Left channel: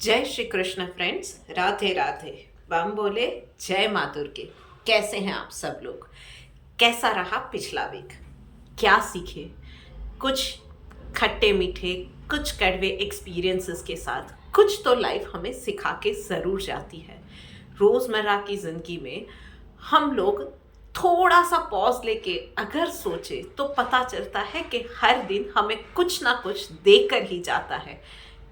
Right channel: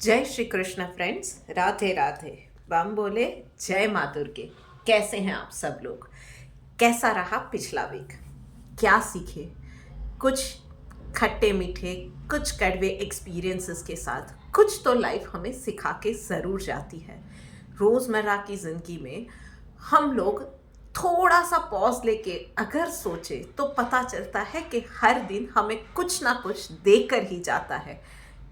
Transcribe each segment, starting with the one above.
जय श्री कृष्ण फ्रेंड्स, राधे राधे। बम बोले जय माँ दुर्गे। कैसे हैं आप सब लोग? कैसा रहा पिछला वीक? क्या सीखे? कुछ खट्टे मीठे, कुछ कड़वे एक्सपीरियंसेस के साथ कुछ तो लाइफ हमें सिखा के ज़रूर जाती है। रोज़मर्रा की ज़िंदगी में हम लोग थोड़ा सा पॉज लेके अगर सोचे तो पता चलता है कि हर दिन हमें कुछ ना कुछ देकर ही जाता है।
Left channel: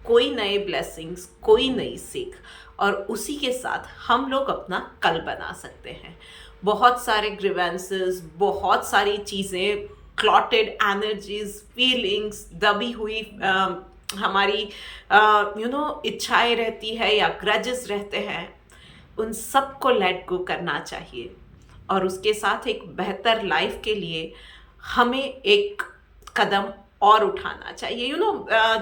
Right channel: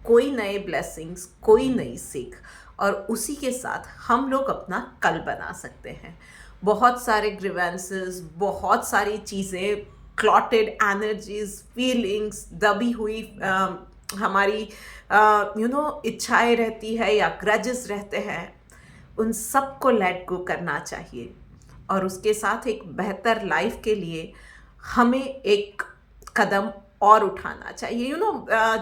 कोई नए ब्लेसिंग्स, कोई नई सीख, और उसी के साथ हम लोग अपना कल बना सकते हैं। बहुत सारे ग्रीवेंसेस, बहुत सारी चीज़ें, क्लॉटेड एनर्जीज, फीलिंग्स, दबी हुई हमारी इच्छाएं रहती है या ग्रजेस रहते हैं, उन सब को लेट गो करना चाहिए। और उसके साथ एक बेहतर लाइफ के लिए हमें एक कदम और उठाना चाहिए।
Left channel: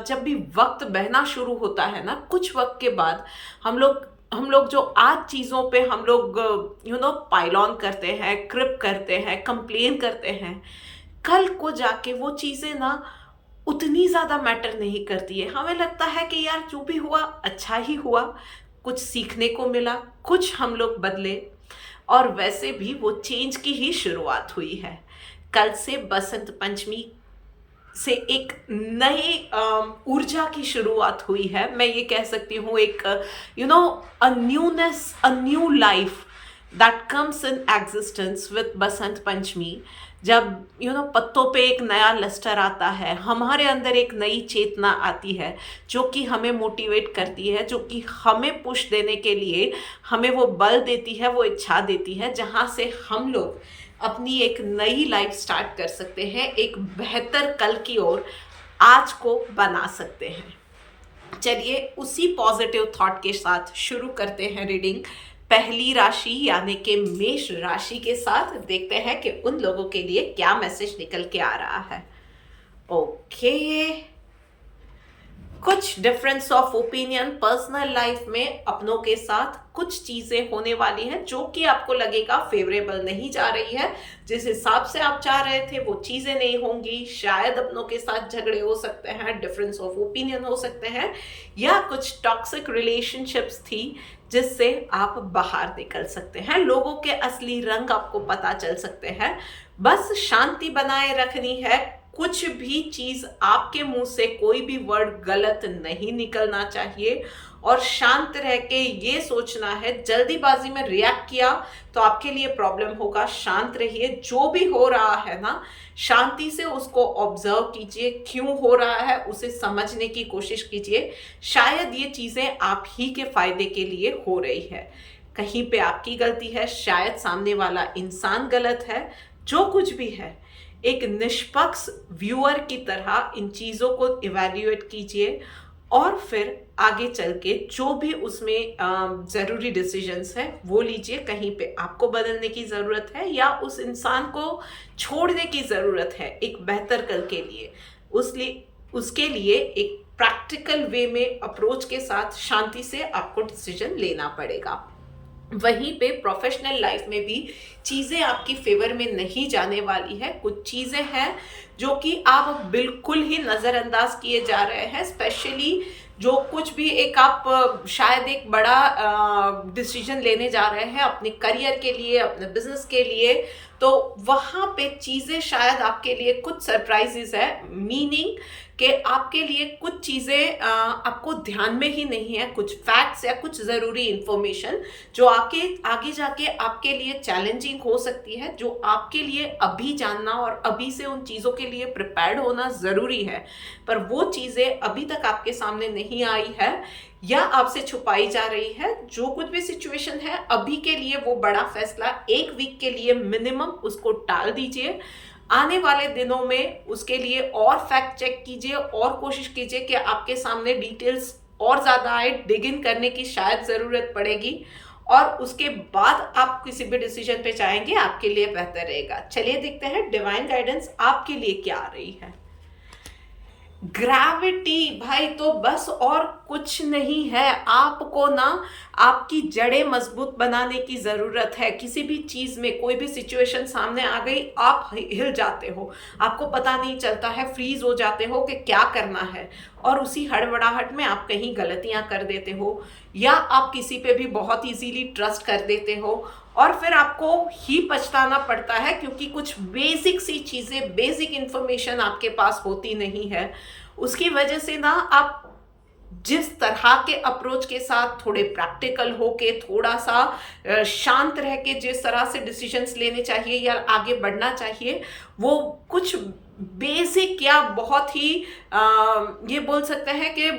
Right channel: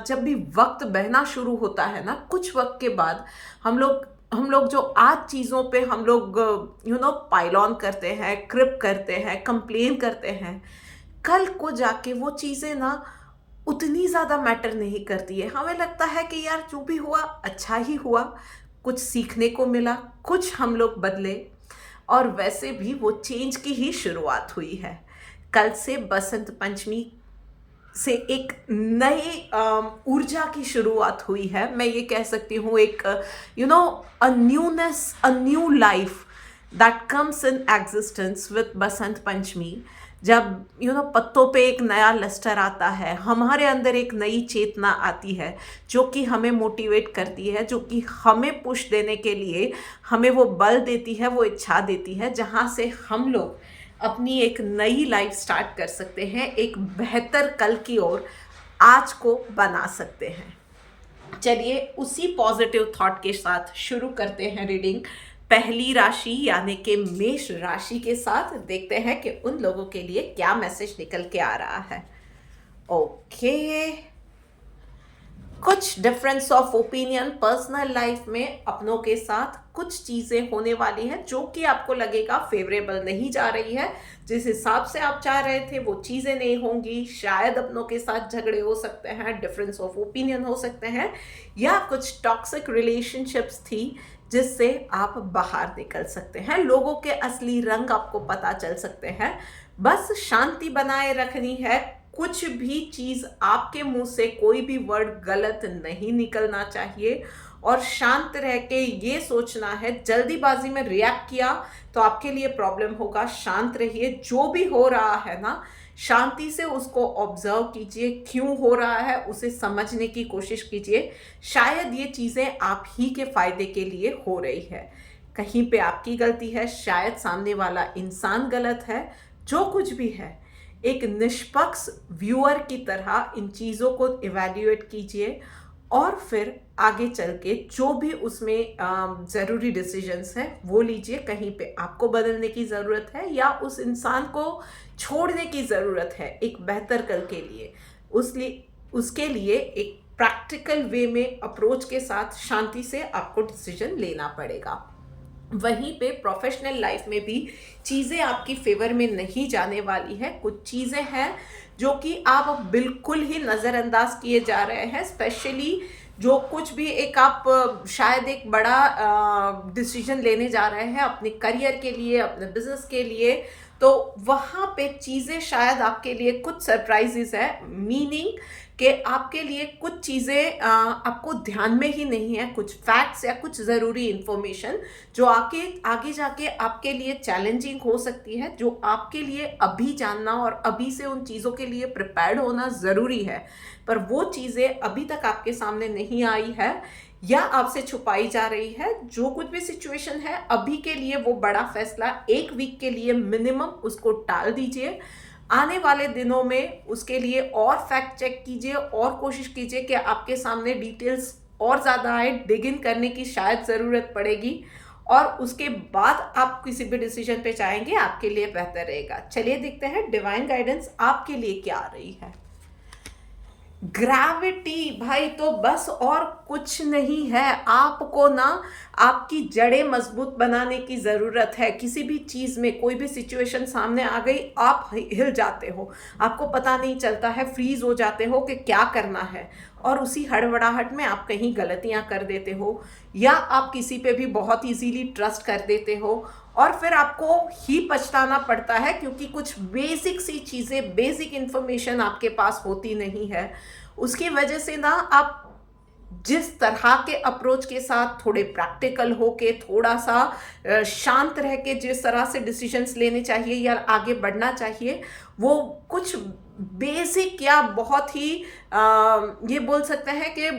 जब भी वक्त बहना शुरू होता है ना, कुछ वक्त के बाद हम लोग जो आज चीज़ों पे हम लोग पाइल ऑन करते हैं, क्रिप करते हैं, कंप्लेन करते हैं, कल को जाके वो चीज़ें ना उतनी ज़्यादा मैटर नहीं करती है। हमें लगता है कि यार जो भी हुआ अच्छा ही हुआ, कुछ सीखने को मिला, कुछ हम लोग बदले, और वैसे भी वो चेंज की ही शुरुआत हुई है। कल से बसंत पंचमी से एक नई ऊर्जा की शुरुआत हुई है। मैं ये कह सकती हूँ एक a newness, a new life that comes in existence with Basant Panchami. जब पत्तों पे एक नया लस्टर आता है, हमारे अंदर एक नई चेतना आती है जो कि हमें मोटिवेट करती है, जो कि हमें पुश देने के लिए हमें वो बल देती है, वो इच्छा देती है, जहाँ से हम लोग अपनी एक नई लाइफ स्टार्ट कर सकते हैं, एक बेहतर कल की ओर आज को बना सकते हैं। चलिए उसी पॉजिटिव थॉट के साथ शुरू करते हैं रीडिंग। पहली राशि यानी कि मेष राशि के साथ देखते हैं कि उन लोगों के लिए क्या मैसेज निकल के आ रहा है। ओके, कुछ difference of opinion personal life में अपनों के साथ कुछ चीज़ें होने वाली हैं जो कि आपको लगेगा फेवरेबल नहीं जा रही है। जिस हिसाब से आप चाह रहे थे वो चीज़ें नहीं होंगी। शायद अपनों के साथ झगड़े हो सकते हैं, डिफरेंस ऑफ ओपिनियन हो सकते हैं, या कुछ टॉक्सिक रिलेशनशिप्स थी जिससे आप बाहर निकल सकते हैं। लोगों के असली रंग आपको पता चल सकते हैं। बस शांति बनाए रखनी है। कुछ भी चीज़ आपके मुंह से, कोई भी वर्ड गलत नहीं निकलना चाहिए, और शांत रह के ये सोचना है, जल्दीबाजी में रिएक्ट किया तो आपके लिए प्रॉब्लम होगा। शांत रहिए, जो भी हो रहा है ना, शांति से उसको ऑब्जर्व कीजिए, क्यों हो रहा है उसे समझने की कोशिश कीजिए। शायद ये चीज़ें आप ही के फायदे के लिए हो रही है। कहीं पे आपकी गलती है, शायद सामने वाला इंसान गलत है। जो कुछ भी है, एक निष्पक्ष व्यूअर की तरह इन चीज़ों को इवैल्यूएट कीजिए, और फिर आगे चल के जो भी उसमें ज़रूरी डिसीजंस हैं वो लीजिए। कहीं पे आपको बदलने की ज़रूरत है या उस इंसान को छोड़ने की ज़रूरत है एक बेहतर कल के लिए, उसके लिए एक प्रैक्टिकल वे में अप्रोच के साथ शांति से आपको डिसीजन लेना पड़ेगा। वहीं पे प्रोफेशनल लाइफ में भी चीज़ें आपकी फेवर में नहीं जाने वाली है। कुछ चीज़ें हैं जो कि आप बिल्कुल ही नज़रअंदाज किए जा रहे हैं। स्पेशली जो कुछ भी एक आप शायद एक बड़ा डिसीजन लेने जा रहे हैं अपने करियर के लिए, अपने बिजनेस के लिए, तो वहाँ पे चीज़ें शायद आपके लिए कुछ सरप्राइजेस है। मीनिंग कि आपके लिए कुछ चीज़ें आपको ध्यान में ही नहीं है, कुछ फैक्ट्स या कुछ ज़रूरी इन्फॉर्मेशन जो आगे जाके आपके लिए चैलेंजिंग हो सकती है, जो आपके लिए अभी जानना और अभी से उन चीज़ों के लिए प्रिपेयर्ड होना ज़रूरी है, पर वो चीज़ें अभी तक आपके सामने नहीं आई है या आपसे छुपाई जा रही है। जो कुछ भी सिचुएशन है अभी के लिए, वो बड़ा फैसला एक वीक के लिए मिनिमम उसको टाल दीजिए। आने वाले दिनों में उसके लिए और फैक्ट चेक कीजिए और कोशिश कीजिए कि आपके सामने डिटेल्स और ज़्यादा आए, डिग इन करने की शायद ज़रूरत पड़ेगी, और उसके बाद आप किसी भी डिसीजन पे जाएंगे, आपके लिए बेहतर रहेगा। चलिए देखते हैं डिवाइन गाइडेंस आपके लिए क्या आ रही है। ग्रेविटी भाई, तो बस और कुछ नहीं है। आपको ना आपकी जड़ें मजबूत बनाने की ज़रूरत है। किसी भी चीज़ में कोई भी सिचुएशन सामने आ गई, आप हिल जाते हो, आपको पता नहीं चलता है, फ्रीज हो जाते हो कि क्या करना है। और उसी हड़बड़ाहट में आप कहीं गलतियां कर देते हो, या आप किसी पे भी बहुत इजीली ट्रस्ट कर देते हो और फिर आपको ही पछताना पड़ता है क्योंकि कुछ बेसिक सी चीज़ें, बेसिक इन्फॉर्मेशन आपके पास होती नहीं है। उसकी वजह से ना आप जिस तरह के अप्रोच के साथ थोड़े प्रैक्टिकल होके, थोड़ा सा शांत रह के जिस तरह से डिसीजंस लेने चाहिए या आगे बढ़ना चाहिए, वो कुछ बेसिक या बहुत ही ये बोल सकते हैं कि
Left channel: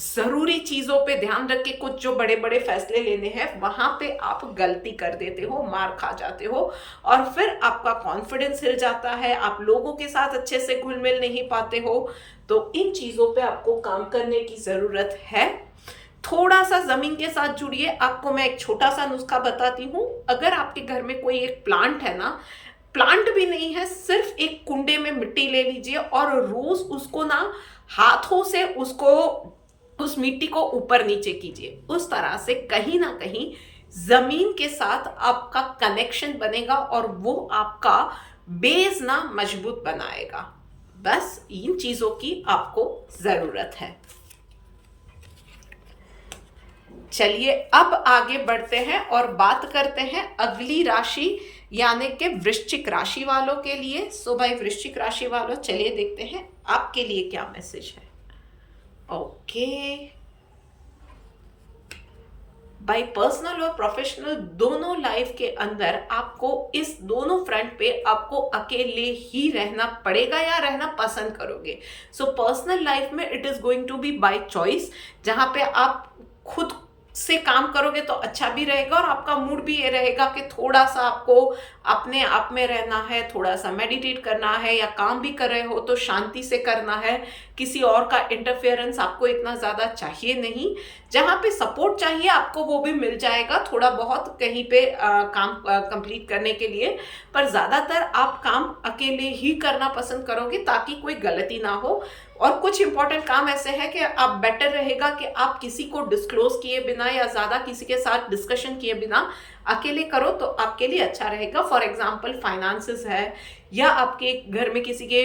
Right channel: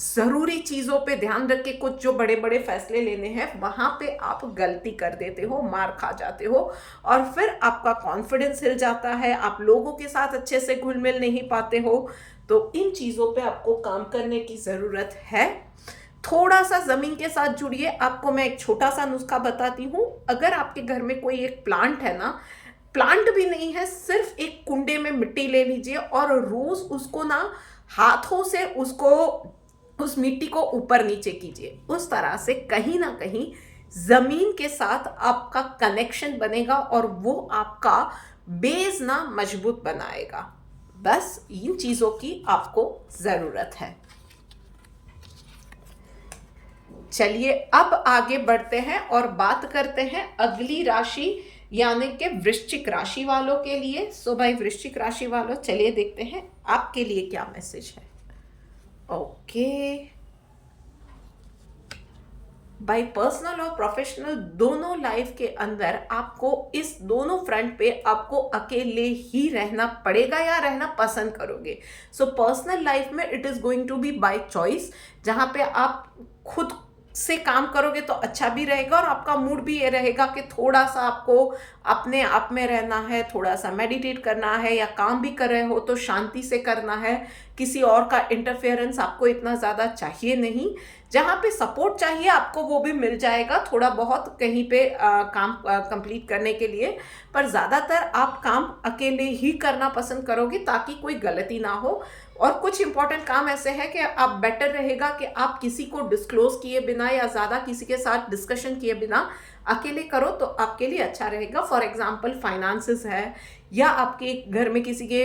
ज़रूरी चीज़ों पे ध्यान रख के कुछ जो बड़े बड़े फैसले लेने हैं वहाँ पे आप गलती कर देते हो, मार खा जाते हो और फिर आपका कॉन्फिडेंस हिल जाता है, आप लोगों के साथ अच्छे से घुल मिल नहीं पाते हो। तो इन चीज़ों पे आपको काम करने की ज़रूरत है। थोड़ा सा ज़मीन के साथ जुड़िए। आपको मैं एक छोटा सा नुस्खा बताती हूँ। अगर आपके घर में कोई एक प्लांट है ना, प्लांट भी नहीं है, सिर्फ एक कुंडे में मिट्टी ले लीजिए और रोज़ उसको ना हाथों से उसको उस मिट्टी को ऊपर नीचे कीजिए। उस तरह से कहीं ना कहीं ज़मीन के साथ आपका कनेक्शन बनेगा और वो आपका बेस ना मजबूत बनाएगा। बस इन चीज़ों की आपको ज़रूरत है। चलिए अब आगे बढ़ते हैं और बात करते हैं अगली राशि यानी कि वृश्चिक राशि वालों के लिए। सो भाई वृश्चिक राशि वालों, चलिए देखते हैं आपके लिए क्या मैसेज है। ओके भाई, पर्सनल और प्रोफेशनल दोनों लाइफ के अंदर आपको इस दोनों फ्रंट पे आपको अकेले ही रहना पड़ेगा या रहना पसंद करोगे। सो पर्सनल लाइफ में it is going to be by choice, जहाँ पे आप खुद से काम करोगे तो अच्छा भी रहेगा और आपका मूड भी ये रहेगा कि थोड़ा सा आपको अपने आप में रहना है, थोड़ा सा मेडिटेट करना है, या काम भी कर रहे हो तो शांति से करना है, किसी और का इंटरफेरेंस आपको इतना ज़्यादा चाहिए नहीं। जहाँ पे सपोर्ट चाहिए आपको वो भी मिल जाएगा थोड़ा बहुत कहीं पे काम कंप्लीट करने के लिए, पर ज़्यादातर आप काम अकेले ही करना पसंद करोगे ताकि कोई गलती ना हो। और कुछ इंपॉर्टेंट काम ऐसे है कि आप बेटर रहेगा कि आप किसी को डिस्क्लोज किए बिना या ज़्यादा किसी के साथ डिस्कशन किए बिना अकेले करो तो आपके लिए अच्छा रहेगा। फॉर एग्जाम्पल फाइनेंसेस है या आपके घर में किसी के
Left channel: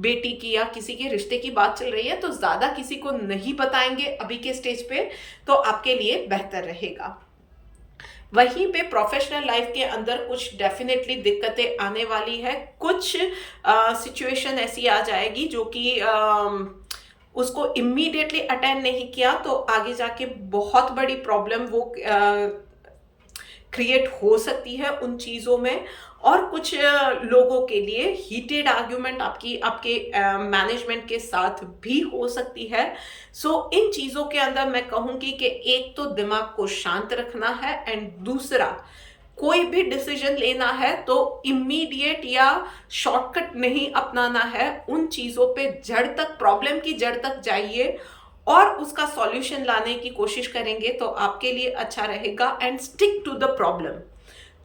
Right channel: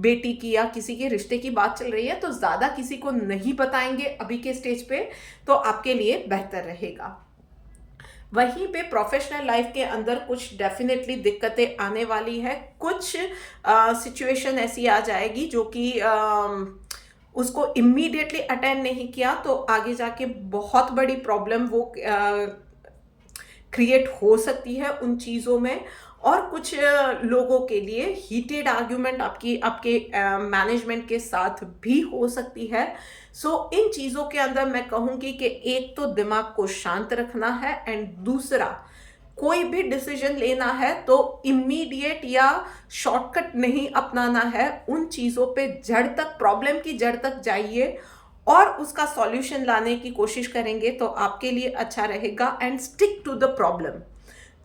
बेटी की या किसी के रिश्ते की बात चल रही है तो ज़्यादा किसी को नहीं बताएंगे अभी के स्टेज पे, तो आपके लिए बेहतर रहेगा। वहीं पे प्रोफेशनल लाइफ के अंदर कुछ डेफिनेटली दिक्कतें आने वाली है। कुछ सिचुएशन ऐसी आ जाएगी जो कि उसको इमीडिएटली अटेंड नहीं किया तो आगे जाके बहुत बड़ी प्रॉब्लम वो क्रिएट हो सकती है उन चीज़ों में। और कुछ लोगों के लिए हीटेड आर्ग्यूमेंट आपके मैनेजमेंट के साथ भी हो सकती है। सो इन चीज़ों के अंदर मैं कहूँगी कि एक तो दिमाग को शांत रखना है एंड दूसरा कोई भी डिसीजन लेना है तो इमीडिएट या शॉर्टकट नहीं अपनाना है। उन चीज़ों पे जड़ तक, प्रॉब्लम की जड़ तक जाइए और उसका सॉल्यूशन लाने की कोशिश करेंगे तो आपके लिए अच्छा रहेगा। And stick to the problem,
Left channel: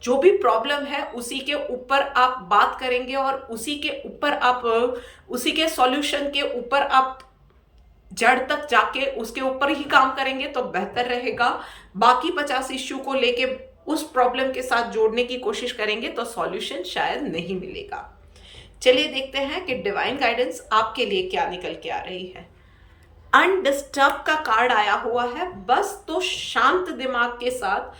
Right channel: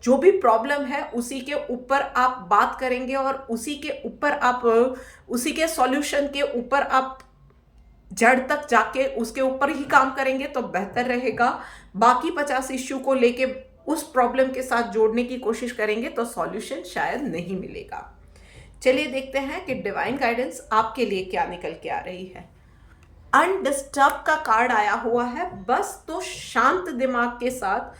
जो भी प्रॉब्लम है उसी के ऊपर आप बात करेंगे और उसी के ऊपर आप उसी के सॉल्यूशन के ऊपर आप जड़ तक जाके उसके ऊपर ही काम करेंगे तो बेहतर रहेगा। बाकी 50 इश्यू को लेके उस प्रॉब्लम के साथ जोड़ने की कोशिश करेंगे तो सॉल्यूशन शायद नहीं मिलेगा। चलिए देखते हैं कि डिवाइन गाइडेंस आपके लिए क्या निकल के आ रही है। अनडिस्टर्ब का कार्ड आया हुआ है। बस तो शांत दिमाग के साथ,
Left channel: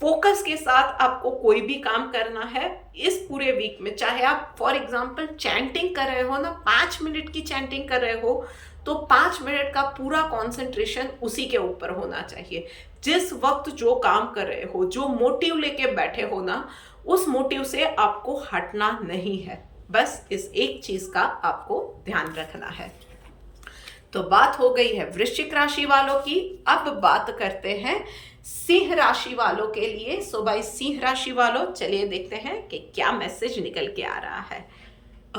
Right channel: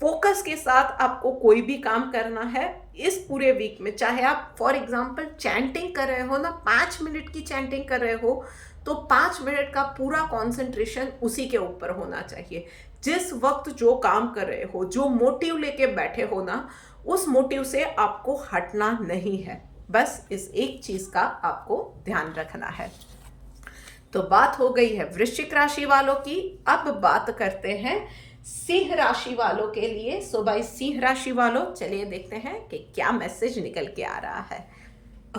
फोकस के साथ आपको कोई भी काम करना है इस पूरे वीक में। चाहे आप फॉर एग्जांपल चैंटिंग कर रहे हो ना, 5 मिनट की चैंटिंग कर रहे हो तो 5 मिनट का पूरा कंसंट्रेशन उसी के ऊपर होना चाहिए। जिस वक्त जो काम कर रहे हो, जो मोटिव लेके बैठे हो ना, उस मोटिव से आपको हटना नहीं है। बस इस एक चीज का आपको ध्यान रखना है। तो बात हो गई है वृश्चिक राशि वालों की। अब बात करते हैं सिंह राशि वालों के लिए। सो भाई सिंह राशि वालों, चलिए देखते हैं कि क्या मैसेज निकल के आ रहा है।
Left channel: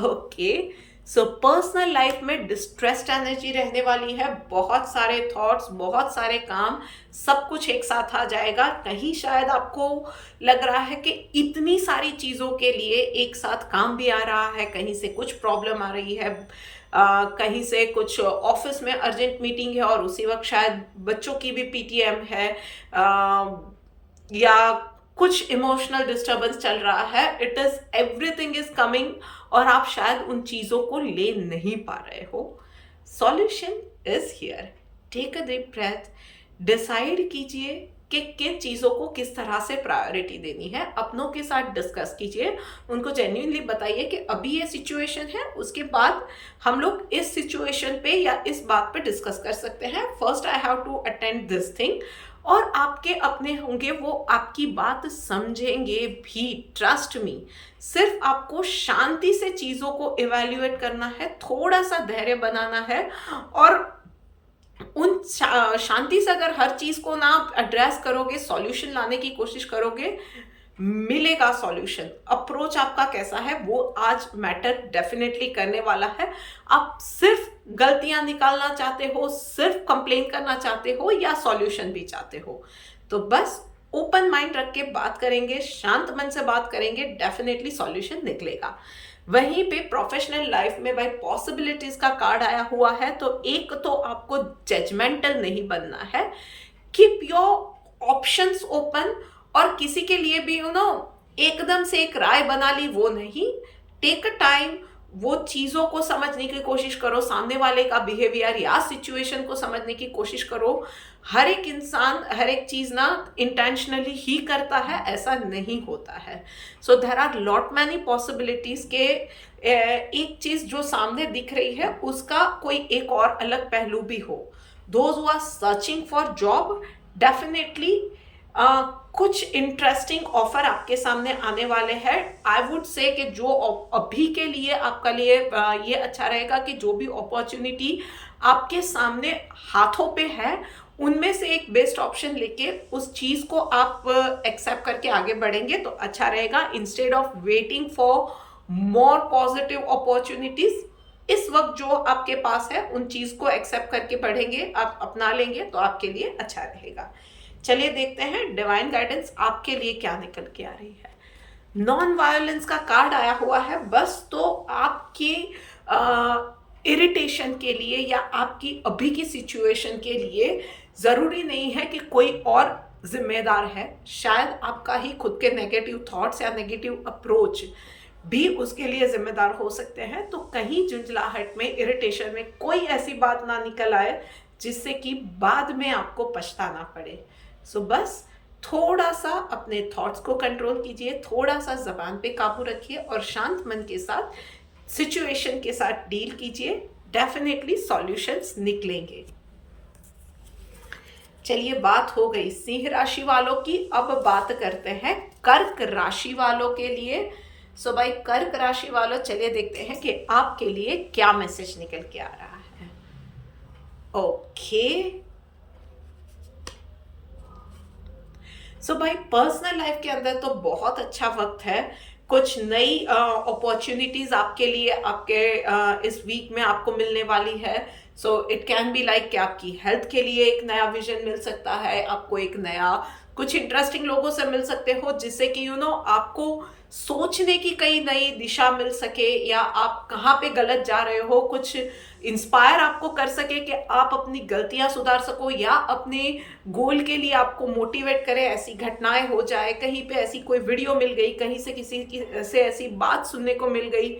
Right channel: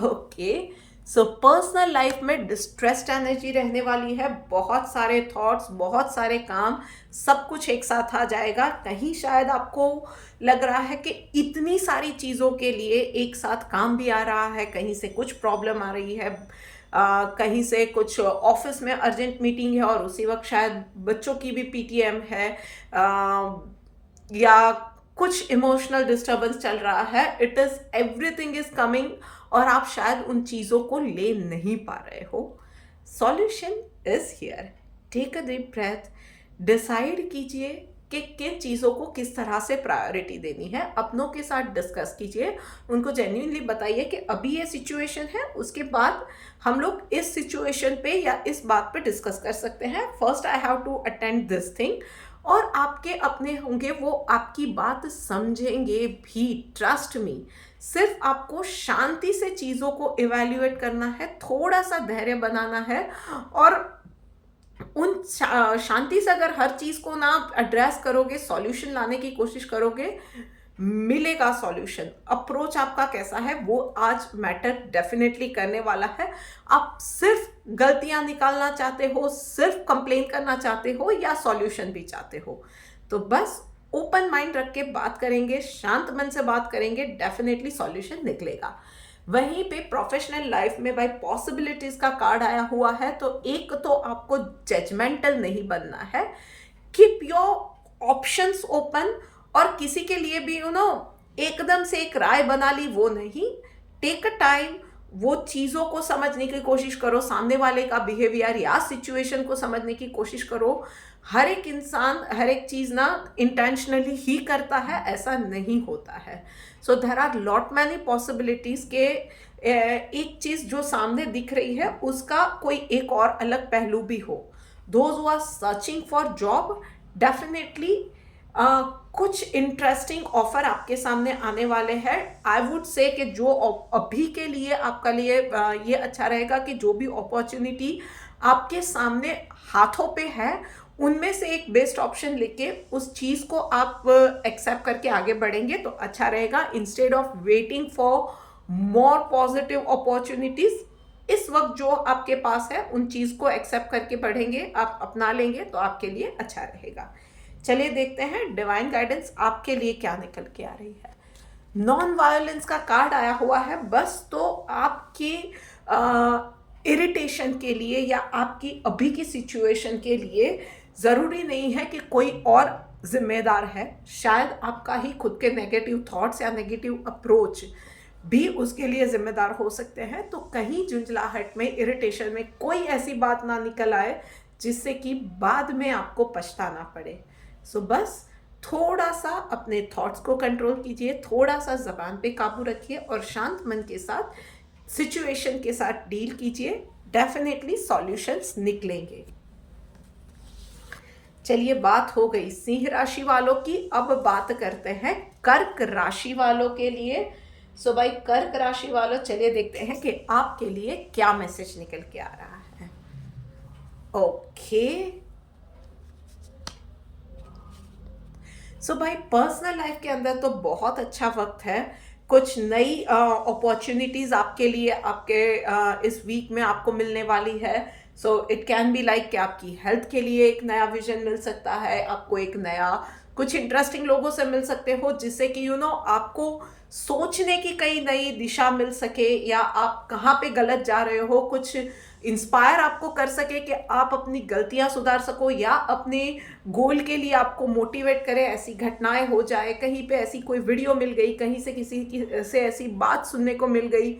ओके, सो पर्सनल लाइफ में डिस्ट्रेस्ड एनर्जी रहने वाली है। बहुत सारे थॉट्स, बहुत सारे काम, सब कुछ एक साथ आ जाएगा। कहीं शायद आपको लग रहा है कि इतनी सारी चीज़ों के लिए एक साथ काम भी आ रहा है, कहीं से कुछ प्रॉब्लम आ रही है, कहीं से कुछ ऑफिस में अर्जेंट मीटिंग है और उसी वक्त शायद बच्चों की भी पीटीएम है, या कुछ इमोशनल डिस्टर्बेंस चल रहा है। It is everything is coming और आप शायद उन चीज़ों को ले नहीं पा रहे हो। Solution is here. Take a deep breath, decide कीजिए कि किन चीज़ों को किस तरह से प्रायोरिटी देनी है, अपनों के साथ डिस्कस कीजिए, उनको जेन्युइनली बताइए कि अभी ये सिचुएशन है, उसके बाद हम लोग इस सिचुएशन पे या इस बात पे डिस्कस कर सकते हैं। First I have to attend this thing. और आपके अपने होंगे, वो आपकी बात समझेंगे भी, ट्रस्ट मी। सिर्फ आपको शांति से चीज़ों को इवैल्यूएट करना है, थोड़ा सा धैर्य बनाना है, और उन शांति से अगर हर चीज़ को ना एड्रेस करोगे, सॉल्यूशन लाने की कोशिश करोगे, मिलेगा सॉल्यूशन। अप्रोच आपका कैसा है वो आज मैटर डेफिनेटली करने वाला है। आप सिर्फ गलतियां निकालना चाहते हो, सिर्फ कंप्लेन करना चाहते हो, या सॉल्यूशन भी चाहते हो, तो बस ओपन माइंड रख के बात करेंगे, शांत मन से बात करेंगे, डेफिनेटली सॉल्यूशन निकलेगा। वहीं पे प्रोफेशनल लाइफ में भाई पॉसिबिलिटीज का कार्ड आया हुआ है, तो एक तो आपको जजमेंटल नहीं बनना है। कीप योर ऑप्शंस ओपन, और किसी के लिए भी एकदम से एक राय बना ली वो नहीं। टेक अ टाइम, वो चीज़ों को समझने की कोशिश करो, सामने वाले का बिहेवियर या सिचुएशन को समझने की कोशिश करो। हर एक इंसान हर एक चीज़ ना इंटेंशनली ही करता है, ऐसा नहीं होता है। So there are lot many possibilities के एक चीज़ जो सामने दिख रही है उसका कोई एक और अलग पहलू भी हो। Those who are searching for job, definitely कुछ इंटरेस्टिंग ऑफर आपके सामने आने वाले हैं। आई वुड से कि जो अभी के लिए आपका लिए ये अच्छा रहेगा कि जो भी अपॉर्चुनिटी आपके सामने हाथों पे है, उनमें से एक बेस्ट ऑप्शन लेके उस चीज़ को आप एक्सेप्ट करके आगे बढ़ेंगे तो अच्छा रहेगा, instead of waiting for more positive opportunities. इस वक्त जो आपके पास है उन चीज़ को एक्सेप्ट करके बढ़ेंगे, आप अपना लेंगे तो आपके लिए अच्छा रहेगा। चलिए देखते हैं डिवाइन गाइडेंस आपके लिए क्या निकल के आ रही है। नॉन वायलेंस का कार्ड आया हुआ है। बस तो आपकी इरिटेशन के लिए या आपकी अभी की सिचुएशन के लिए ज़रूरी नहीं है कि कोई और जिम्मेदार है। शायद आपका ही खुद के नेगेटिव थॉट्स या नेगेटिव अप्रोच भी उसके लिए जिम्मेदार हो सकते हैं। तो कहीं झुंझलाहट में, इरिटेशन में कोई ऐसी बात ना निकल आए जिससे कि बाद में आपको पछताना पड़े। सो बस थोड़ा सा अपने थॉट्स को कंट्रोल कीजिए, थोड़ा सा जबान पे काबू रखिए और शांत मन के साथ सिचुएशन के साथ डील कीजिए। डेफिनेटली सॉल्यूशंस निकलेंगे। चलिए, बात हो गई सिंह राशि वालों की। अब बात करते हैं कर्क राशि वालों के लिए। सो भाई कर्क राशि वालों, चलिए देखते हैं कि आपके लिए क्या मैसेज निकल के आ रहा है। ओके, सो भाई पर्सनल लाइफ के अंदर तो बहुत अच्छा वक्त है। कुछ नई अपॉर्चुनिटीज आपके लिए आपके इस वीक में आपको मिलने वाली है। So it can B like कि आपकी हेल्थ के लिए एक नया विजन मिल सकता है, आपको एक नया कुछ इंटरेस्टिंग लोगों से मिल सकते हो जिससे कि आपको सोचने की कई नई दिशा मिल सके, या आप कहाँ पे गलत जा रहे हो कुछ इंस्पायर आपको कर सके कि आप अपनी गलतियां सुधार सको, या अपने गोल के लिए आपको मोटिवेट करे। ऐसी घटनाएं हो जाए, कहीं पे ऐसी कोई वीडियो मिल गई, कहीं से किसी की से ऐसी बात सुनने को मिल गई,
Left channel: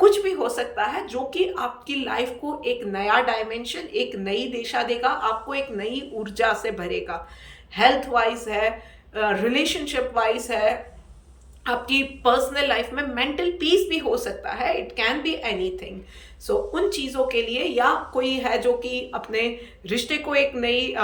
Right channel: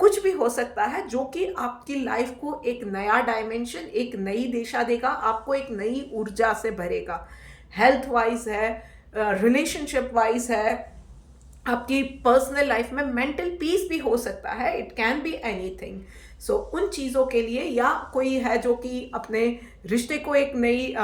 कुछ भी हो सकता है जो कि आपकी लाइफ को एक नया डायमेंशन, एक नई दिशा देगा, आपको एक नई ऊर्जा से भरेगा। हेल्थ वाइज है, रिलेशनशिप वाइज है, आपकी पर्सनल लाइफ में मेंटल पीस भी हो सकता है। It can be anything. So उन चीज़ों के लिए, या कोई है जो कि अपने रिश्ते को एक नई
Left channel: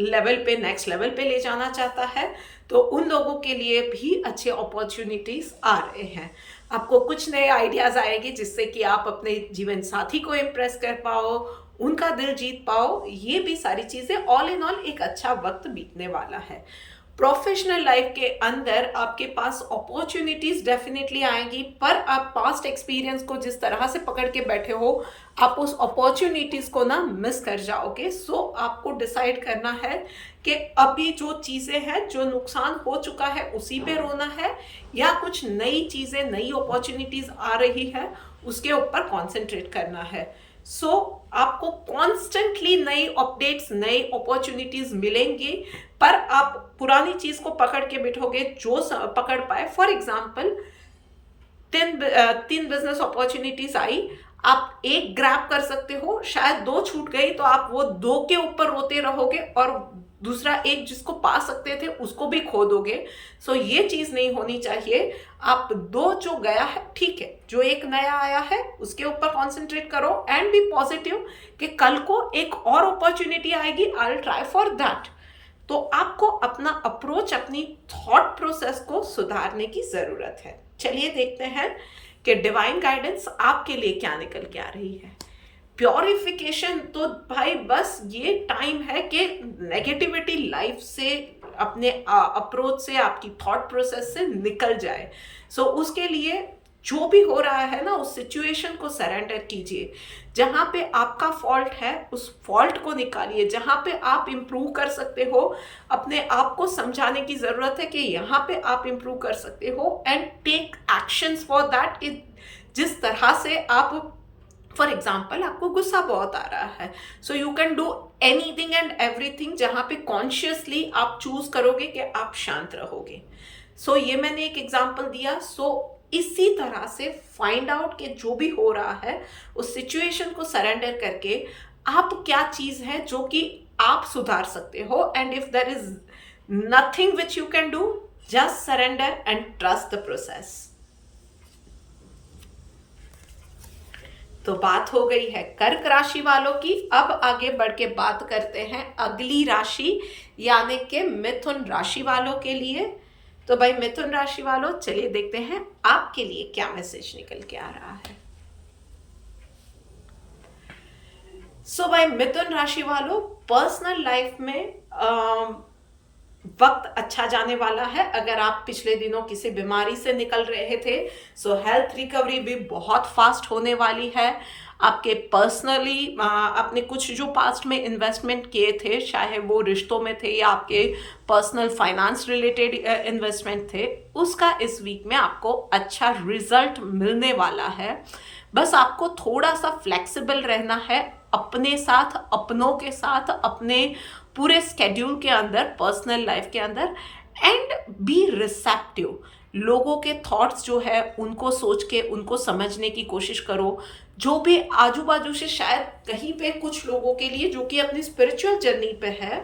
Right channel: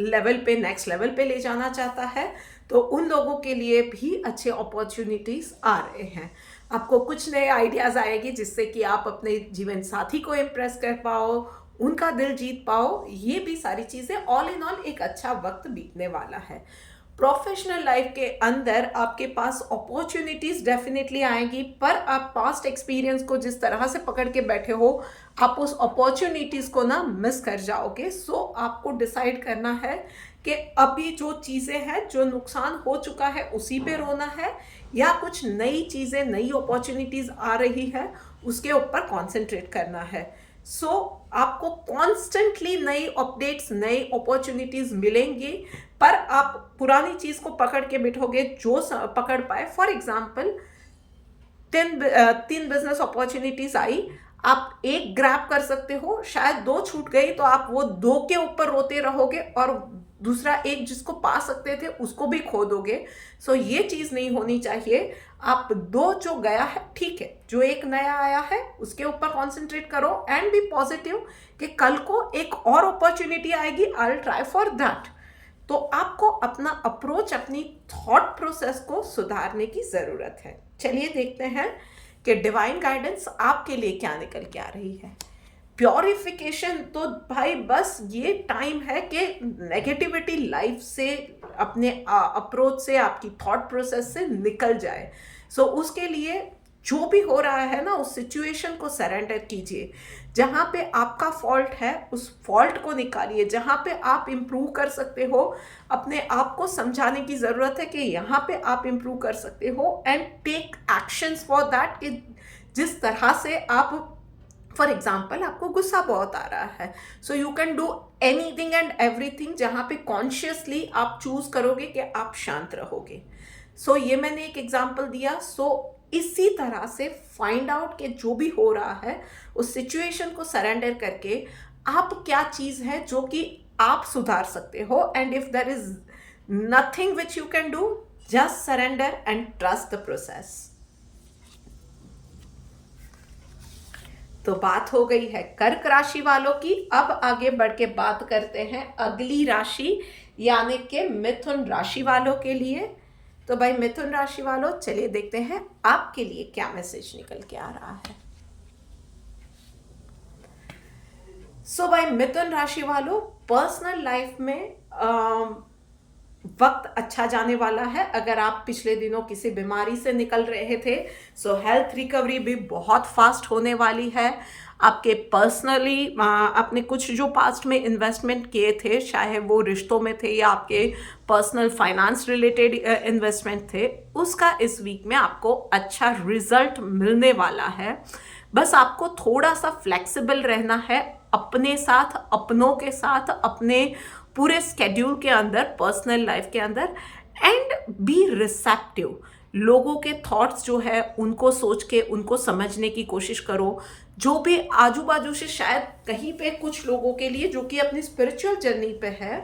लेवल पे, नेक्स्ट लेवल पे ले जाना चाहता है, तो उन लोगों के लिए भी अच्छे अपॉर्चुनिटीज़ आ रहे हैं। आपको कुछ नए आइडियाज़ आएगी जिससे कि आप अपने जीवन साथी को इम्प्रेस कर पाओ, उनका दिल जीत पाओ। ये भी सारी चीज़ें ऑल इन ऑल एक अच्छा वक्त बीतने वाला है। प्रोफेशनल लाइफ के अंदर आपके पास अपॉर्चुनिटीज डेफिनेटली आएगी, पर आप पास्ट एक्सपीरियंस को जिस तरह से पकड़ के बैठे हो, आप उस अपॉर्चुनिटीज को ना मिस कर जाओगे। सो आपको डिसाइड करना है कि अभी जो चीज़ें हैं, जो नुकसान हो चुका है उसी पे रोना है, या कुछ नई चीज़ें, नई अपॉर्चुनिटीज आ रही है उसके ऊपर कॉन्सेंट्रेट करना है। सो आपको कॉन्स्टेंटली नई अपडेट्स, नई अपॉर्चुनिटीज मिलेंगी, पर आप पुरानी चीज को पकड़ के बैठोगे जो पकड़ पाए। फॉर एग्जाम्पल, तीन बिजनेस अपॉर्चुनिटीज आई, आप एक ग्रैब कर सकते हो, शायद दो छूट गई तो आप वो दो के ऊपर रोते रहोगे और दूसरा एक जिसको पा सकते थे उसको भी खो दोगे। सो ये चीज़ नहीं होनी चाहिए। आप दो जो गया है ठीक है, जो एक नया आया है उसके ऊपर कॉन्सेंट्रेट करो एंड बी पॉजिटिव कि कल को एक और अपॉर्चुनिटी आएगी, I will try for that. तो आपको अपना अप्रोच, अपनी थॉट प्रोसेस को सुधारने की ज़रूरत है। चलिए देखते हैं कि डिवाइन गाइडेंस आपके लिए क्या निकल के आ रही है। प्योरिफिकेशन तो भाई बस ये टाइम है कि नेगेटिविटी लाइफ से, अपने अप्रोच से, आपकी थॉट प्रोसेस से निकल जाए। सो उसके लिए जो भी हो रहा है ना, उस सिचुएशन को सरेंडर कीजिए। जहाँ पे आपका फॉल्ट है उस फॉल्ट को निकालिए, जहाँ पे आप इम्प्रूव कर सकते हो अपने आप को समझाने की ज़रूरत है कि यहाँ पे आप इम्प्रूव कर सकते हो and take actions for that. जिस तरह से आप, फॉर एग्जाम्पल आपको गुस्सा बहुत आ रहा है, so you can do anything and everything जहाँ पे कॉन्शियसली आप चूज करोगे कि आप शांत रहोगे। सो ये मैंने एक एग्जाम्पल दिया। सो इसी तरह से फाइंड आउट कि जो भी हो रहा है उस सिचुएशन को सरेंडर करके आप क्या चीज़ है जो कि आप सुधार सकते हो, and if there is nothing which you can do, just surrender and trust the process. तो बात हो गई है कर्क राशि वालों की। अब आगे बढ़ के बात करते हैं अगली राशि यानी कि मिथुन राशि वालों के लिए। तो भाई मिथुन राशि वालों, चलिए देखते हैं आपके लिए क्या मैसेज निकल के आ रहा है। सो भाई मिथुन राशि वालों, पर्सनल लाइफ में वक्त अच्छा जाने वाला है। अगर आप पिछले दिनों किसी बीमारी से निकल रहे थे, सो हेल्थ रिकवरी भी बहुत फास्ट होने वाली है। आपके पर्सनली आपने कुछ जो पास्ट में इन्वेस्टमेंट किए थे, चाहे वो रिश्तों में थे या आपके पर्सनल फाइनेंस रिलेटेड इन्वेस्टमेंट थे, उसका इस वीक में आपको अच्छा रिजल्ट मिलने वाला है। बस आपको थोड़ा सा फ्लेक्सिबल रहना है अपने साथ, अपनों के साथ, अपने पूरे स्केड्यूल के अंदर, पर्सनल लाइफ के अंदर, एंड बी रिसेप्टिव। लोगों के थॉट्स जो है उनको सोच के उनको समझने की कोशिश करो। जो भी आजू बाजू से, शायद कहीं पे कुछ लोगों के लिए जो कि अपनी स्पिरिचुअल जर्नी पे है,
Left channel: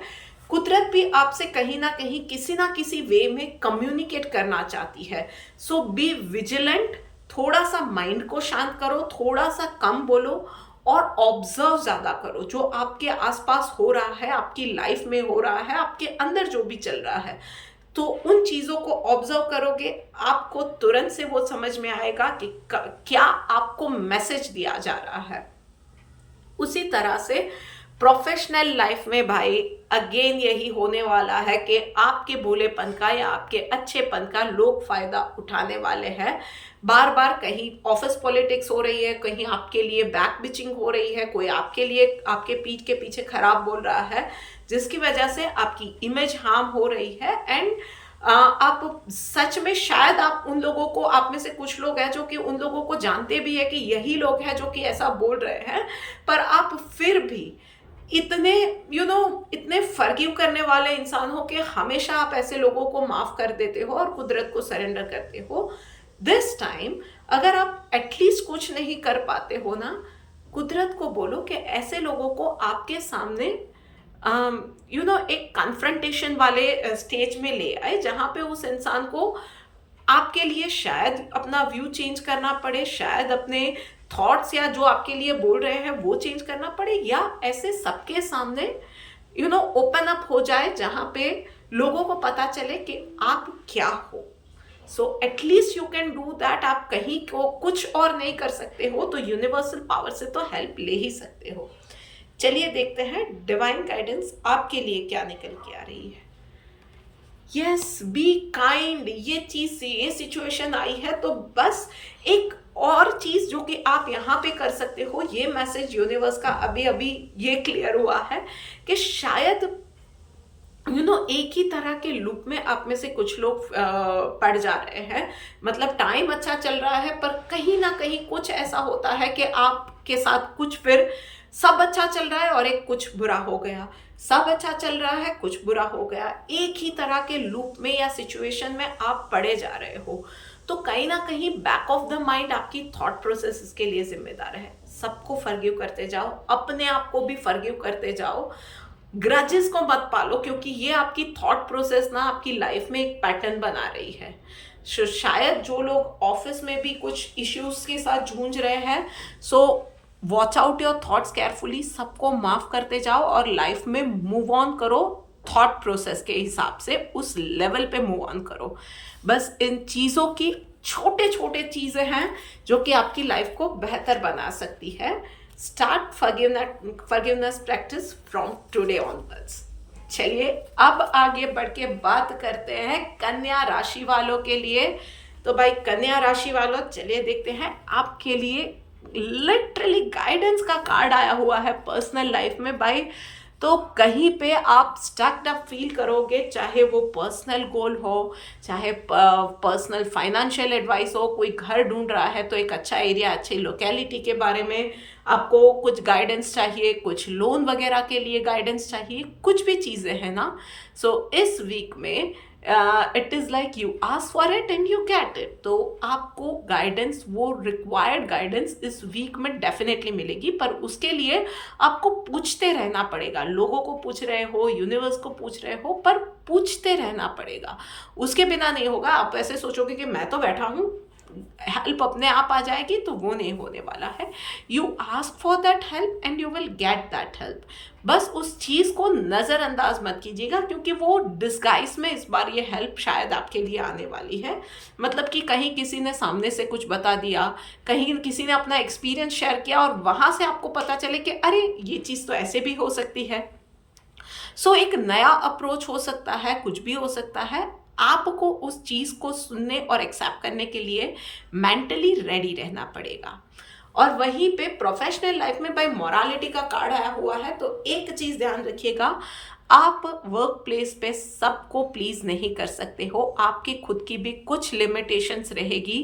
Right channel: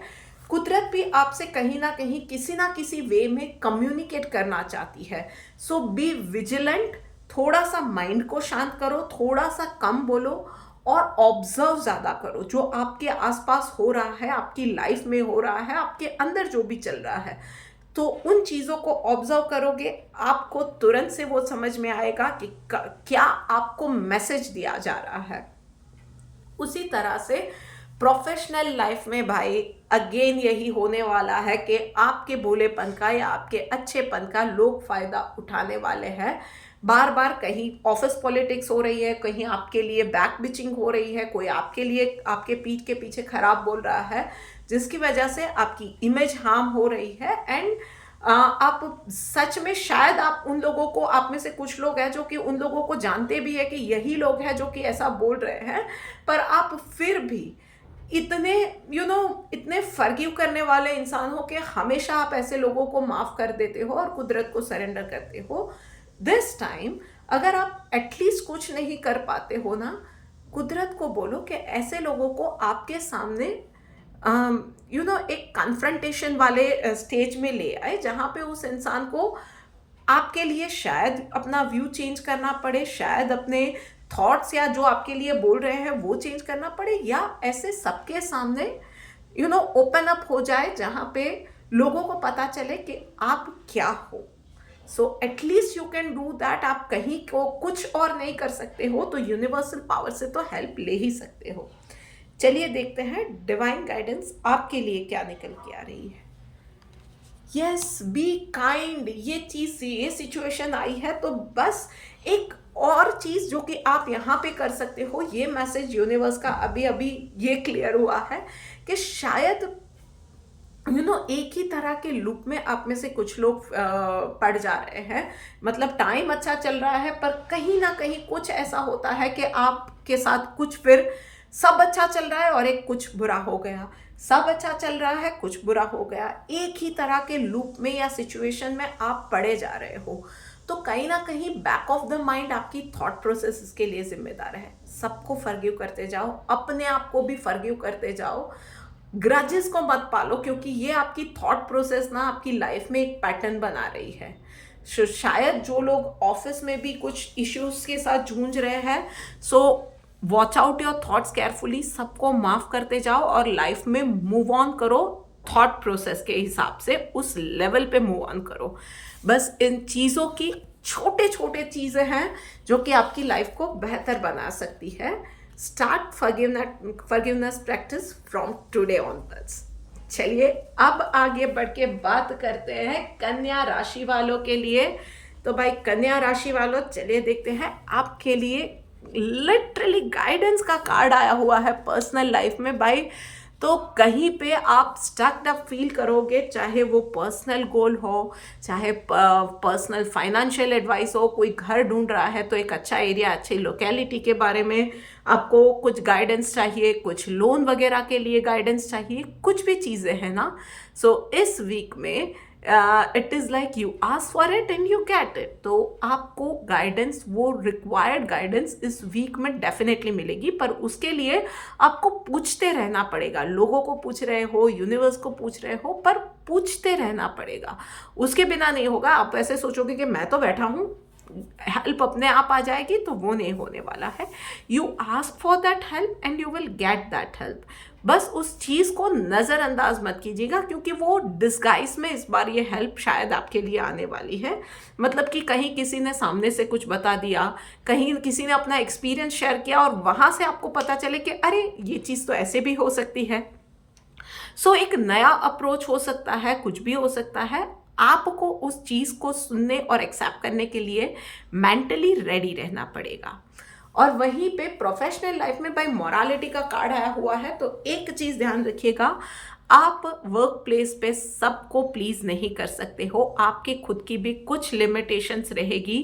कुदरत भी आपसे कहीं ना कहीं किसी ना किसी वे में कम्युनिकेट करना चाहती है। सो बी विजिलेंट, थोड़ा सा माइंड को शांत करो, थोड़ा सा कम बोलो और ऑब्जर्व ज़्यादा करो। जो आपके आसपास हो रहा है, आपकी लाइफ में हो रहा है, आपके अंदर जो भी चल रहा है, तो उन चीज़ों को ऑब्जर्व करोगे, आपको तुरंत से वो समझ में आएगा कि क्या आपको मैसेज दिया जा रहा है। उसी तरह से प्रोफेशनल लाइफ में भाई अगेन यही होने वाला है कि आपके भोलेपन का या आपके अच्छेपन का लोग फ़ायदा उठाने वाले हैं। बार बार कहीं ऑफिस पॉलिटिक्स हो रही है, कहीं आपके लिए बैक बिचिंग हो रही है, कोई आपके लिए आपके पीठ के पीछे खराब बोल रहा है, जिसकी वजह से आपकी इमेज हार्म हो रही है। एंड आप सच में, शायद आप उन लोगों को, आप में से कुछ लोग हैं जो कि उन लोगों को जानते भी है कि यही लोग हैं जो कि ऐसा बोल रहे हैं, पर आप फिर भी इतने इतने फर्गिव करने वाले इंसान हो कि हमेशा आप ऐसे लोगों को माफ़ कर देते हो और कुदरत को सरेंडर करते हो। दिस टाइम अगर आप एटलीस्ट कुछ नहीं कर पाते हो ना, कुदरत को बोलो कि ऐसे लोगों को आपके सामने एक कन्फ्रंटेशन वाले स्टेज में ले आए, जहाँ पे उस इंसान को आपके लिए शायद अपना व्यू चेंज करना पड़े, शायद अपने थॉट्स या जो आपके लिए बोल रहे हैं वो चेंज करना पड़े, या ऐसे सबके सामने ओपन अप हो जाए, जहाँ पे लोगों को पता चले कि आप क्या हो। So at least you can do that. आप कहीं को कुछ और नहीं कर सकते हो तो यूनिवर्सल पावर से तो हेल्प ले ही सकते हो। चलिए देखते हैं डिवाइन गाइडेंस आपके लिए क्या निकल के आ रही है। यस, बी काइंड, ये चीज़, ये सिचुएशन आई है तो बस एक और चीज़ जो कि आप यहाँ पे कर सकते हो, ये मैसेज यूनिवर्स का अभी अभी ये क्लियर हुआ है कि शायद एक ही तरह के लूप में आप में से कुछ लोग पड़ जा रहे हैं। मतलब टाइम अच्छा चल रहा है पर कहीं ना कहीं कुछ ऐसा होता है कि आपके साथ कुछ, फिर सब अच्छा चल रहा है और एक कुछ बुरा हो गया, सब अच्छा चल रहा है कुछ बुरा हो गया, एक ही तरह के लूप में या सिचुएशन में आप पड़े जा रहे हो। तो कहीं ना कहीं बैक ऑफ द माइंड आपकी थॉट प्रोसेस इसके लिए जिम्मेदार है। सबको फॉरगिव करते जाओ, अपने आप को भी फॉरगिव करते जाओ। ग्रजेस को मत पालो, क्योंकि ये आपकी थॉट प्रोसेस ना आपकी लाइफ में एक पैटर्न बना रही है। शायद जो लोग ऑफिस में भी कुछ इश्यूज के साथ जूझ रहे हैं, so watch out your thoughts carefully, सबको माफ करते जाओ और लाइफ में मूव ऑन करो, थॉट प्रोसेस के हिसाब से उस लेवल पे मूव ऑन करो। बस इन चीज़ों की छोटे छोटे चीज़ें हैं जो कि आपकी लाइफ को बेहतर बना सकती है। Start forgiveness practice from today onwards. चलिए अब आगे बढ़ के बात करते हैं कन्या राशि वालों के लिए। तो भाई कन्या राशि वालों, चलिए देखते हैं आपके लिए लिटरली गाइडेंस का कार्ड आया हुआ है पर्सनल लाइफ में भाई। तो कहीं पे आप स्टक्ड अप फील करोगे, चाहे वो पर्सनल गोल हो, चाहे पर्सनल फाइनेंशियल एडवाइस हो, कोई घर ढूंढ रहा है तो एक अच्छा एरिया, अच्छी लोकेलिटी के बारे में आपको कुछ गाइडेंस चाहिए, कुछ लोन वगैरह के लिए गाइडेंस चाहिए, कुछ भी चीज़ें हैं ना। सो इस वीक में it is like you ask for it and you get it. तो आपको गाइडेंस, वो रिक्वायर्ड गाइडेंस इस वीक में डेफिनेटली मिलेगी, पर उसके लिए आपको पूछते रहना पड़ेगा। लोगों को पूछ रहे हो, यूनिवर्स को पूछ रहे हो, पर पूछते रहना पड़ेगा, उसके बिना नहीं होगा। आप ऐसे सोचोगे कि मैं तो बैठा हूँ, हेल्प अपने आप आ जाएगी, तो वो नहीं होने वाला है। You ask for that help and you will get that help. बस उस चीज़ को नज़रअंदाज मत कीजिएगा, क्योंकि वो डिस्गाइज में इस बार ये हेल्प शायद आपके लिए आने वाली है। मतलब कि कहीं किसी ने सामने से कुछ बता दिया, कहीं किसी ने अपना एक्सपीरियंस शेयर किया और वहाँ से आपको पता चले कि अरे ये चीज़ तो ऐसे भी हो सकती है। सो एक नया अप्रोच हो सकता है, कुछ भी हो सकता है। आपको उस चीज़ को सुनने और एक्सेप्ट करने के लिए मेंटली रेडी रहना पड़ेगा। और वहीं पे प्रोफेशनल लाइफ में भाई मोरालिटी का कार्ड आया हुआ है। तो एक चीज़ ध्यान रखिएगा, आप वर्क प्लेस पे सबको प्लीज़ नहीं कर सकते हो, आपकी खुद की भी कुछ लिमिटेशंस रहेगी।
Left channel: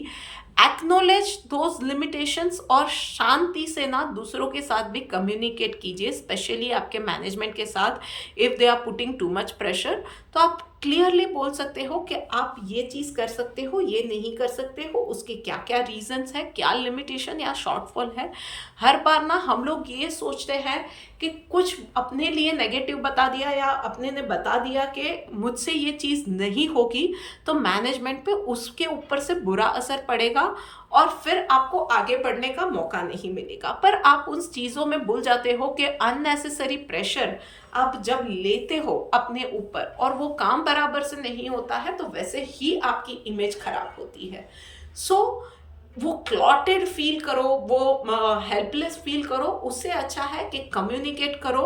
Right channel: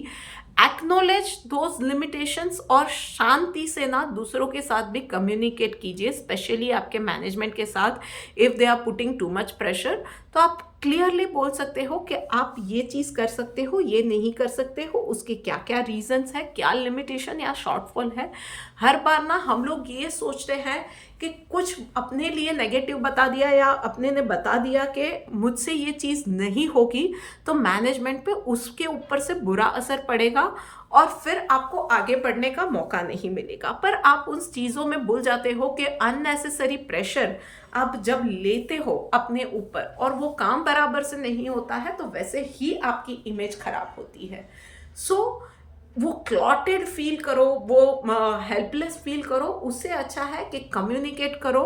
एक्नोलेज दोज लिमिटेशंस और शांति से ना दूसरों के साथ भी कम्युनिकेट कीजिए, स्पेशली आपके मैनेजमेंट के साथ। If they are putting too much pressure, तो आप क्लियरली बोल सकते हो कि आप ये चीज़ कर सकते हो, ये नहीं कर सकते हो, उसके क्या क्या रीजंस है, क्या लिमिटेशन या शॉर्टफॉल है। हर बार ना हम लोग ये सोचते हैं कि कुछ अपने लिए नेगेटिव बता दिया या अपने ने बता दिया कि मुझसे ये चीज़ नहीं होगी, तो मैनेजमेंट पे उसके ऊपर से बुरा असर पड़ेगा और फिर आपको आगे बढ़ने का मौका नहीं मिलेगा। पर आप उन चीज़ों में भूल जाते हो कि अननेसेसरी प्रेशर आप जब लेते हो अपने ऊपर और वो काम बराबर से नहीं होता है, तो वैसे ही आपकी इमेज खराब होती है। सो वो क्लॉटेड फील करो, वो हेल्पलेस फील करो, उससे अच्छा है कि कम्युनिकेट करो।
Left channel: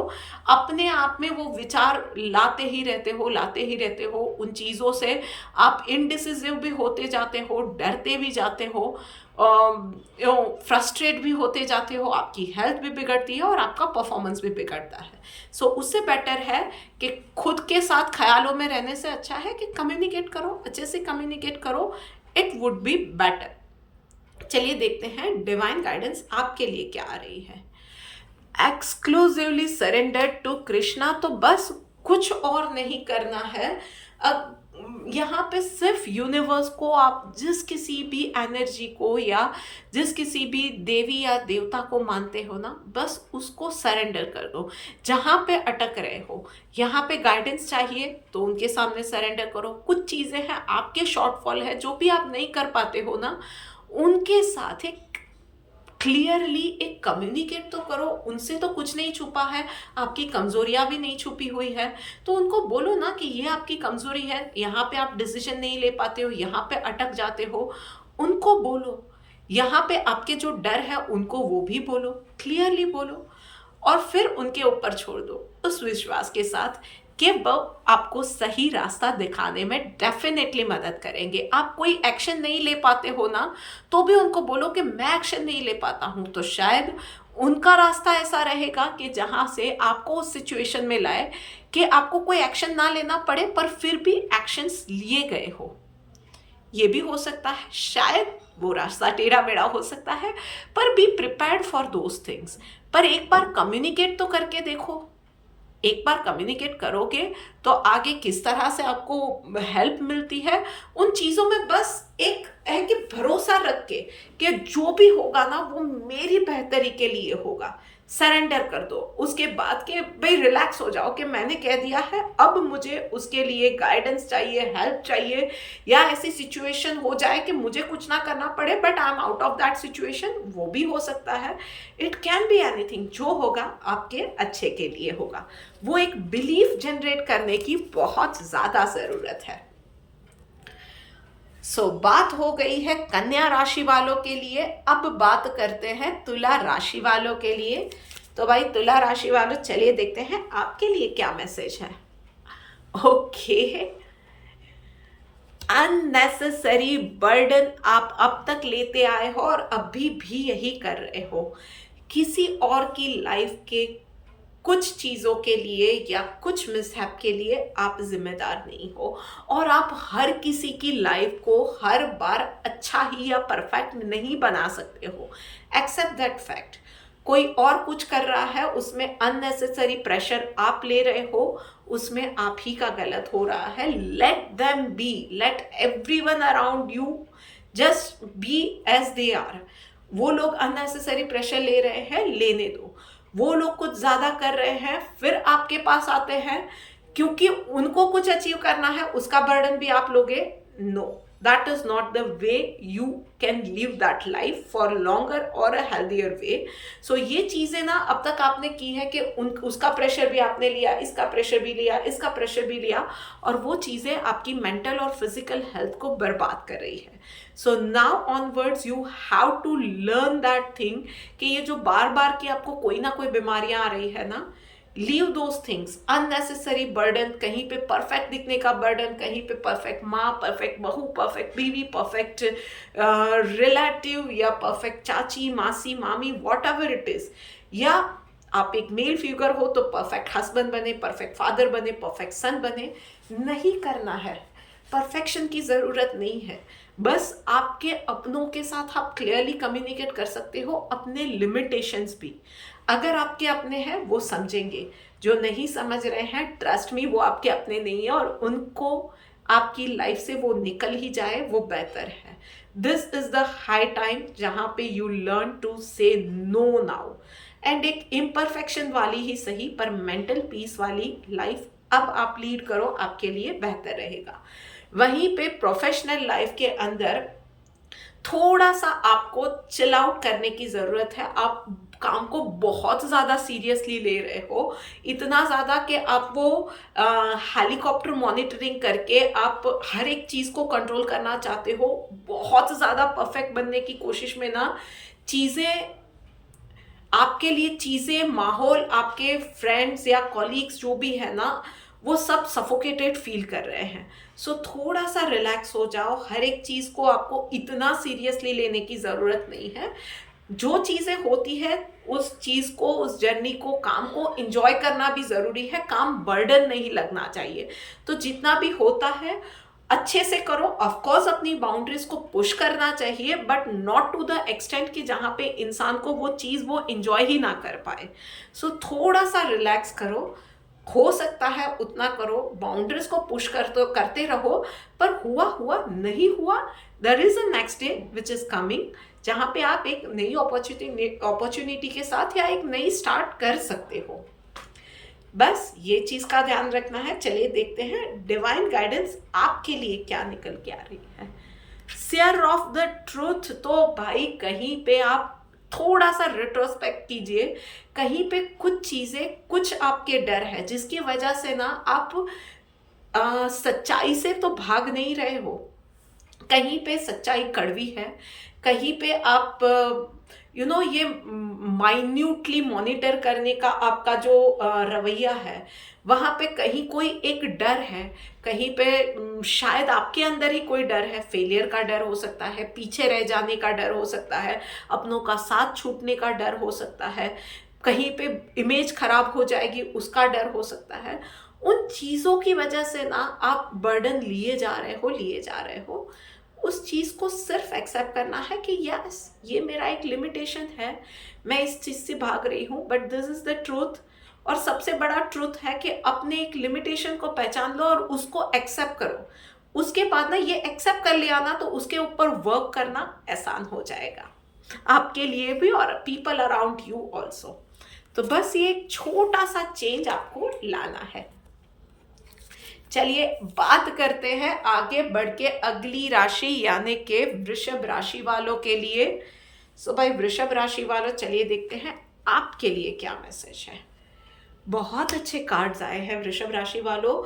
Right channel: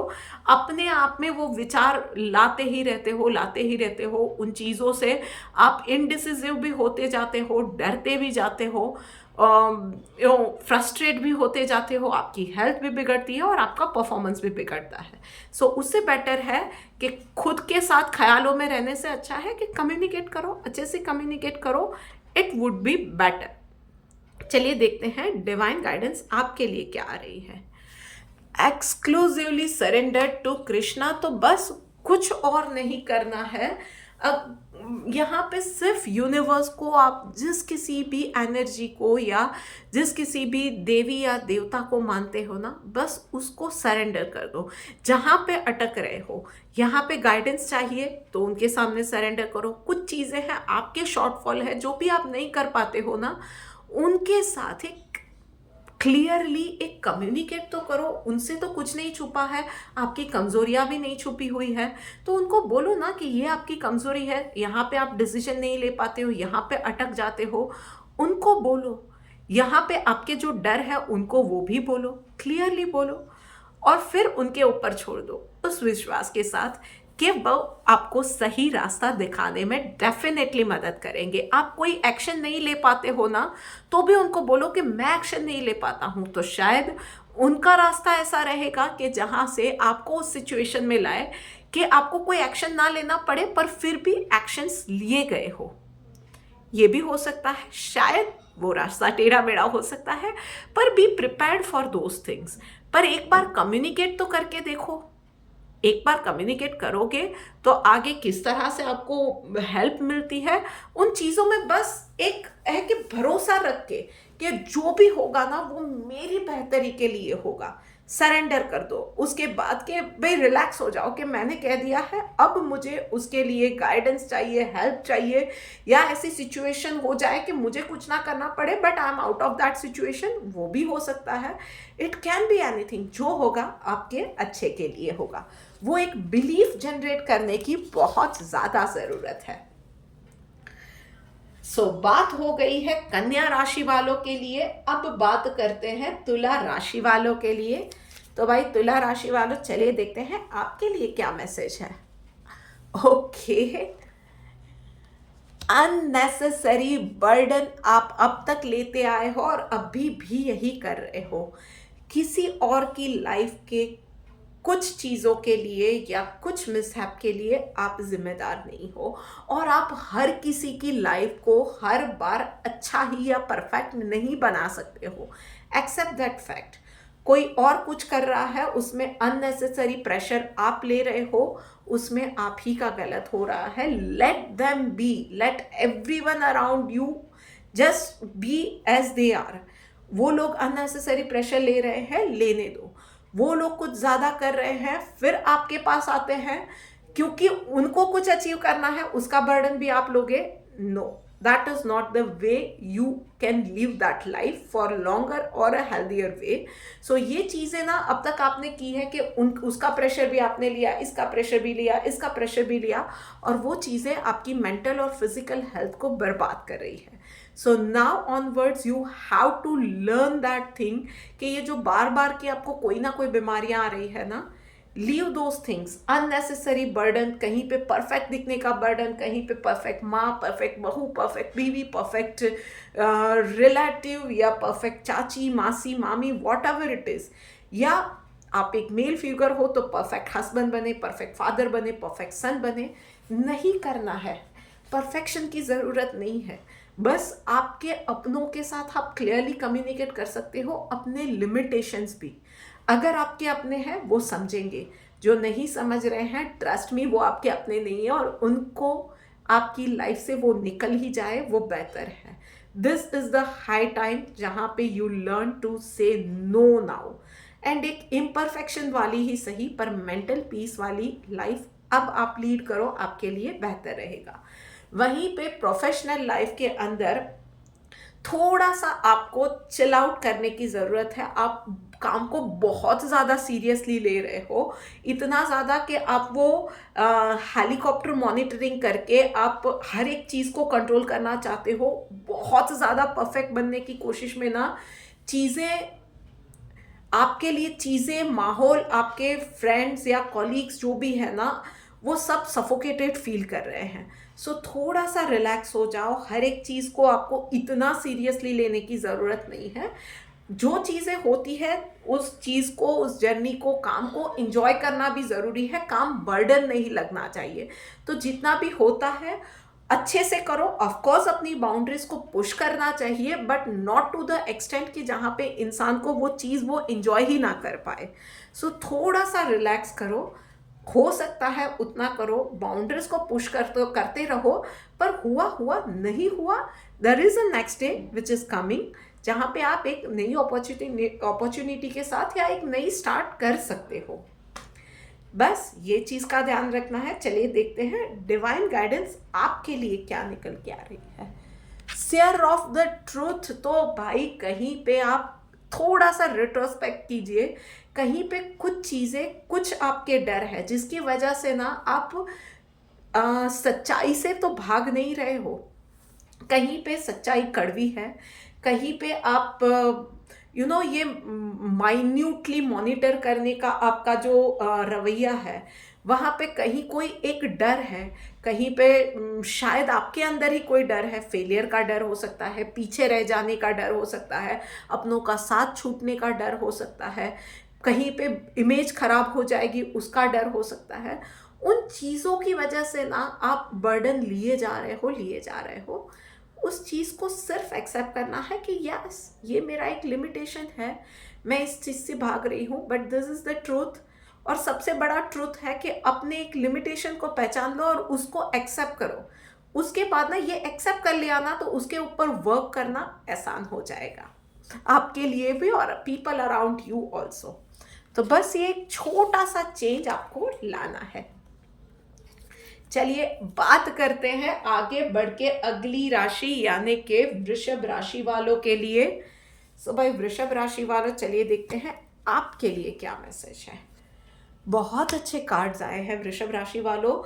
अपने आप में वो विचार लाते ही रहते हो उन चीज़ों से। आप इनडिसिसिव भी होते जाते हो, डरते भी जाते हो, फ्रस्ट्रेट भी होते जाते हो, आपकी हेल्थ भी बिगड़ती है और आपका परफॉर्मेंस भी बिगड़ता है। सो उससे बेटर है कि खुद के साथ ख्यालों में रहने से अच्छा है कि कम्युनिकेट करो, अच्छे से कम्युनिकेट करो, इट वुड बी बेटर। चलिए देखते हैं डिवाइन गाइडेंस आपके लिए क्या आ रही है। Exclusively surrender to Krishna. तो बस कुछ और नहीं करना है। अब यहाँ पे सिर्फ यूनिवर्स को, आप जिस किसी भी एनर्जी को या जिस किसी भी देवी या देवता को मानते हो ना, बस उसको सरेंडर कर दो। जहाँ पे अटक रहे हो, यहाँ पे गाइडेंस चाहिए तो उनके सामने सरेंडर करो। कुछ चीज़ें हैं, आपके शॉर्टफॉल है, जो भी आप नहीं कर पाते हो ना, उनके साथ एक क्लियरली एक कम्युनिकेट तो करो। उनसे तो कुछ नहीं छुपा है, आपकी कमज़ोरियाँ भी नहीं छुपी हुई है। तो उनको बोलो ना कि ये आपकी कमज़ोरी है, यहाँ पे आप डिसीजन नहीं ले पाते हो, यहाँ पे अटक जाते हो, उनको बोलो। यहाँ पे आपके जो डर है उनको वो भी बोलो, क्लियरली बोलो, और फिर उनके ऊपर छोड़ दो उस विश्वास के साथ कि वो आपको सही रास्ता दिखाने में डेफिनेटली मदद करेंगे। आप कोई एक्शन नहीं ले पाते हो ना, तो भी उनको बोलो कि मैं एक्शन नहीं ले पाता हूँ, तो शायद उनका रास्ता ऐसा रहेगा कि जहाँ से आपको उस सिचुएशन में लाए कि आपको कोई एक्शन ना लेना पड़े, पर फिर भी एक्शंस लिए गए हो। ये भी हो सकता है, शायद वो रास्ता टेढ़ा मेढ़ा हो सकता है, पर be prepared for those things. पर एक बार कम्युनिकेट तो करके देखो। एक बार कम्युनिकेट करोगे तो आगे किस तरह से आपको हेल्प मिलती है, उन चीज़ों में बस एक है कि भरोसा रख के कि जो भी होगा ना वो मेरी बेहतरी के लिए होगा, सरेंडर कर दो। उसके बाद के भाई रिलैक्स हो जाओ कि मैंने कह दिया है, अब मुझे उसके लिए गाइडेंस चाहिए, हेल्प चाहिए, या ऐसी सिचुएशन हो जाए कि मुझे कुछ ना करना पड़े but I am out of that situation, वो भी हो सकता है। इट कैन बी एनीथिंग, जो होगा आपके अच्छे के लिए होगा। वो एक बिलीफ जनरेट करने की बहुत ज़्यादा ज़रूरत है। बात हो गई है कन्या राशि वालों के लिए। अब बात करते हैं तुला राशि वालों के लिए। तो भाई तुला राशि वालों, चलिए देखते हैं आपके लिए क्या मैसेज है। ओके, अननेसेसरी बर्डन आप अब तक लेते आए हो और अभी भी यही कर रहे हो। किसी और की लाइफ के कुछ चीज़ों के लिए या कुछ मिसहैप के लिए आप जिम्मेदार नहीं हो, और आप हर किसी की लाइफ को हर बार अच्छा ही या परफेक्ट नहीं बना सकते हो। Accept that fact. कोई और कुछ कर रहा है, उसमें अननेसेसरी प्रेशर आप ले रहे हो, उसमें आप ही का गलत हो रहा है। Let them be, let everyone around you just be as they are. वो लोग अननेसेसरी प्रेशर ले रहे हैं, लेने दो। वो लोग कुछ ज़्यादा कर रहे हैं, फिर आपके पास आते हैं क्योंकि उनको कुछ अचीव करना है, उसका बर्डन भी आप लोगे। No, that is not the way you can live that life for longer और अ हेल्दियर वे। सो ये चीज़ें ना अब तक आपने की है कि उसका प्रेशर भी आपने लिया, इसका प्रेशर भी लिया, इसका प्रेशर भी लिया, और वो चीज़ें आपकी मेंटल और फिजिकल हेल्थ को बर्बाद कर रही है। So now onwards you have to learn that thing कि ये जो बार बार की आपको कोई ना कोई बीमारियां आ रही है ना, leave those things. Unnecessary burden, कहीं पे परफेक्ट दिखने का बर्डन, कहीं पे परफेक्ट माँ, परफेक्ट बहू, परफेक्ट बीवी, परफेक्ट रिलेटिव, या परफेक्ट चाची, मासी, मामी, वॉट एवर इट इज। या आप एक मेल फिगर हो तो परफेक्ट हस्बैंड बने, परफेक्ट फादर बने, परफेक्ट सन बने, नहीं करना है। परफेक्शन की ज़रूरत नहीं है। बस आपके अपनों के साथ आप क्लियरली कम्युनिकेट कर सकते हो, अपने लिमिटेशंस भी। अगर आपके अपने हैं वो समझेंगे, जो नहीं समझ रहे हैं ट्रस्ट मी वो आपके अपने नहीं है, और उनको आपकी लाइफ से वो निकल ही जाए वो बेहतर है। This is the high time जहाँ पे यू लर्न टू से नो नाउ, एंड एक इम्परफेक्शन वाली ही सही पर मेंटल पीस वाली लाइफ अब आप लीड करो, आपके लिए बेहतर रहेगा। वहीं पे प्रोफेशनल लाइफ के अंदर थोड़ा सा आपको चिल आउट करने की ज़रूरत है। आप काम को बहुत ज़्यादा सीरियसली ले रहे हो, इतना ज़्यादा कि आप वो हेलीकॉप्टर मॉनिटरिंग करके आप हर एक चीज़ को कंट्रोल करना चाहते हो, बहुत ज़्यादा परफेक्ट बनने की कोशिश में ना चीज़ें आपके लिए, चीज़ें, माहौल, आपके फ्रेंड्स या कॉलीग्स जो भी है ना, वो सब सफोकेटेड फील कर रहे हैं। सो थोड़ा सा रिलैक्स हो जाओ। हर एक चीज़ को आपको इतना सीरियसली लेने की ज़रूरत नहीं है। जो चीज़ें होती है उस चीज़ को, उस जर्नी को, काम को एंजॉय करना भी ज़रूरी है। काम बर्डन नहीं लगना चाहिए। तो जितना भी होता है अच्छे से करो। ऑफ कोर्स अपनी बाउंड्रीज को पुश करना चाहिए, but not to the extent कि जहाँ पे इंसान को वो चीज़ वो एंजॉय ही ना कर पाए। सो थोड़ा सा रिलैक्स करो, हो सकता है उतना करो, बाउंड्रीज को पुश करते रहो। पर हुआ हुआ, नहीं हुआ, there is a next day which is coming, जहाँ पे आप एक नई अपॉर्चुनिटी के साथ या एक नई स्टार्ट कर सकते हो। बस ये चीज़ का ध्यान रखना है। चलिए देखते हैं डिवाइन गाइडेंस आपके लिए क्या निकल के आ रही है। Share of the truth. तो भाई कहीं पे आप थोड़ा सा रिट्रोस्पेक्ट कीजिए। कहीं पे कुछ चीज़ें, कुछ आपके डर है जिसकी वजह से ना आप सच्चाई से तो भाग नहीं रहे हो। कहीं पे सच्चाई कड़वी है, कहीं पे आप ये माइन्यूटली मॉनिटर करने का आपका जो रवैया है, वहाँ पे कहीं कोई एक डर है। कहीं पे शायद आपके अंदर ही कोई डर है। फेलियर का डर हो सकता है, पीछे रह जाने का डर हो सकता है, अपनों का साथ छूटने का डर हो सकता है, कहीं पे इमेज खराब हो जाएगी उसका डर हो सकता है। उन चीज़ों की वजह से ना आप बर्डन लिए जा रहे हो। उस चीज़ को सिर्फ एक्सेप्ट करना है कि यस, ये मेरा एक लिमिटेशन है, मैं इस चीज़ से भाग रही हूँ, but this is the truth. और सबसे बड़ा ट्रुथ है कि अपने एक लिमिटेशन को पहचान लो और उसको एक्सेप्ट करो। उसके बाद ना ये एक्सेप्ट कर लिया ना, तो उसके ऊपर वर्क करना आसान हो जाएगा आपके लिए भी और पीपल अराउंड यू ऑल्सो। तो बस ये एक छोटा सा चेंज आपको लाना है। चलिए बात करते हैं आगे बढ़ के अगली राशि यानी कि वृषभ राशि वालों के लिए। सो भाई वृषभ राशि वालों, चलिए देखते हैं आपके लिए क्या मैसेज है। बहुत अच्छे कार्ड्स आए हैं वृषभ राशि वालों।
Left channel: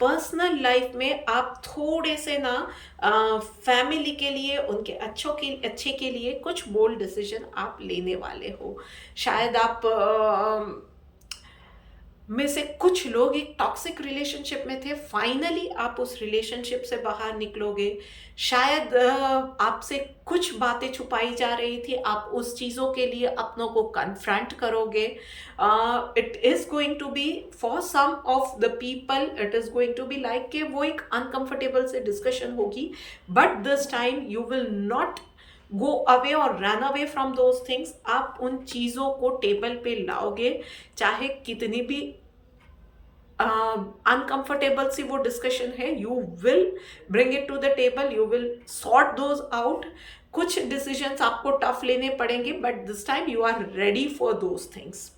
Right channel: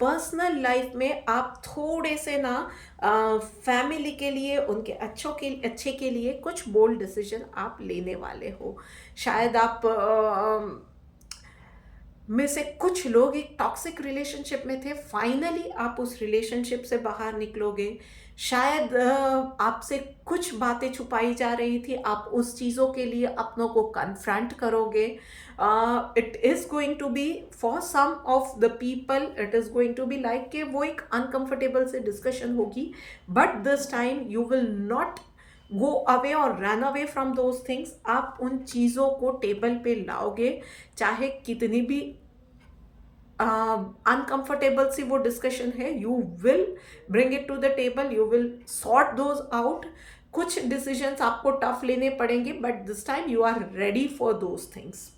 पर्सनल लाइफ में आप थोड़े से ना फैमिली के लिए, उनके अच्छे के लिए कुछ बोल्ड डिसीजन आप लेने वाले हो। शायद आप में से कुछ लोग एक टॉक्सिक रिलेशनशिप में थे, फाइनली आप उस रिलेशनशिप से बाहर निकलोगे। शायद आपसे कुछ बातें छुपाई जा रही थी, आप उस चीज़ों के लिए अपनों को कन्फ्रंट करोगे। It is going to be for some of the people, it is going to be like कि वो एक अनकंफर्टेबल से डिस्कशन होगी, but this time you will not go away और run away from those things. आप उन चीज़ों को टेबल पे लाओगे, चाहे कितनी भी अनकंफर्टेबल सी वो डिस्कशन है, you will bring it to the table, you will sort those out. कुछ डिसीजंस आपको टफ लेने पड़ेंगे, but this time you are ready for those things.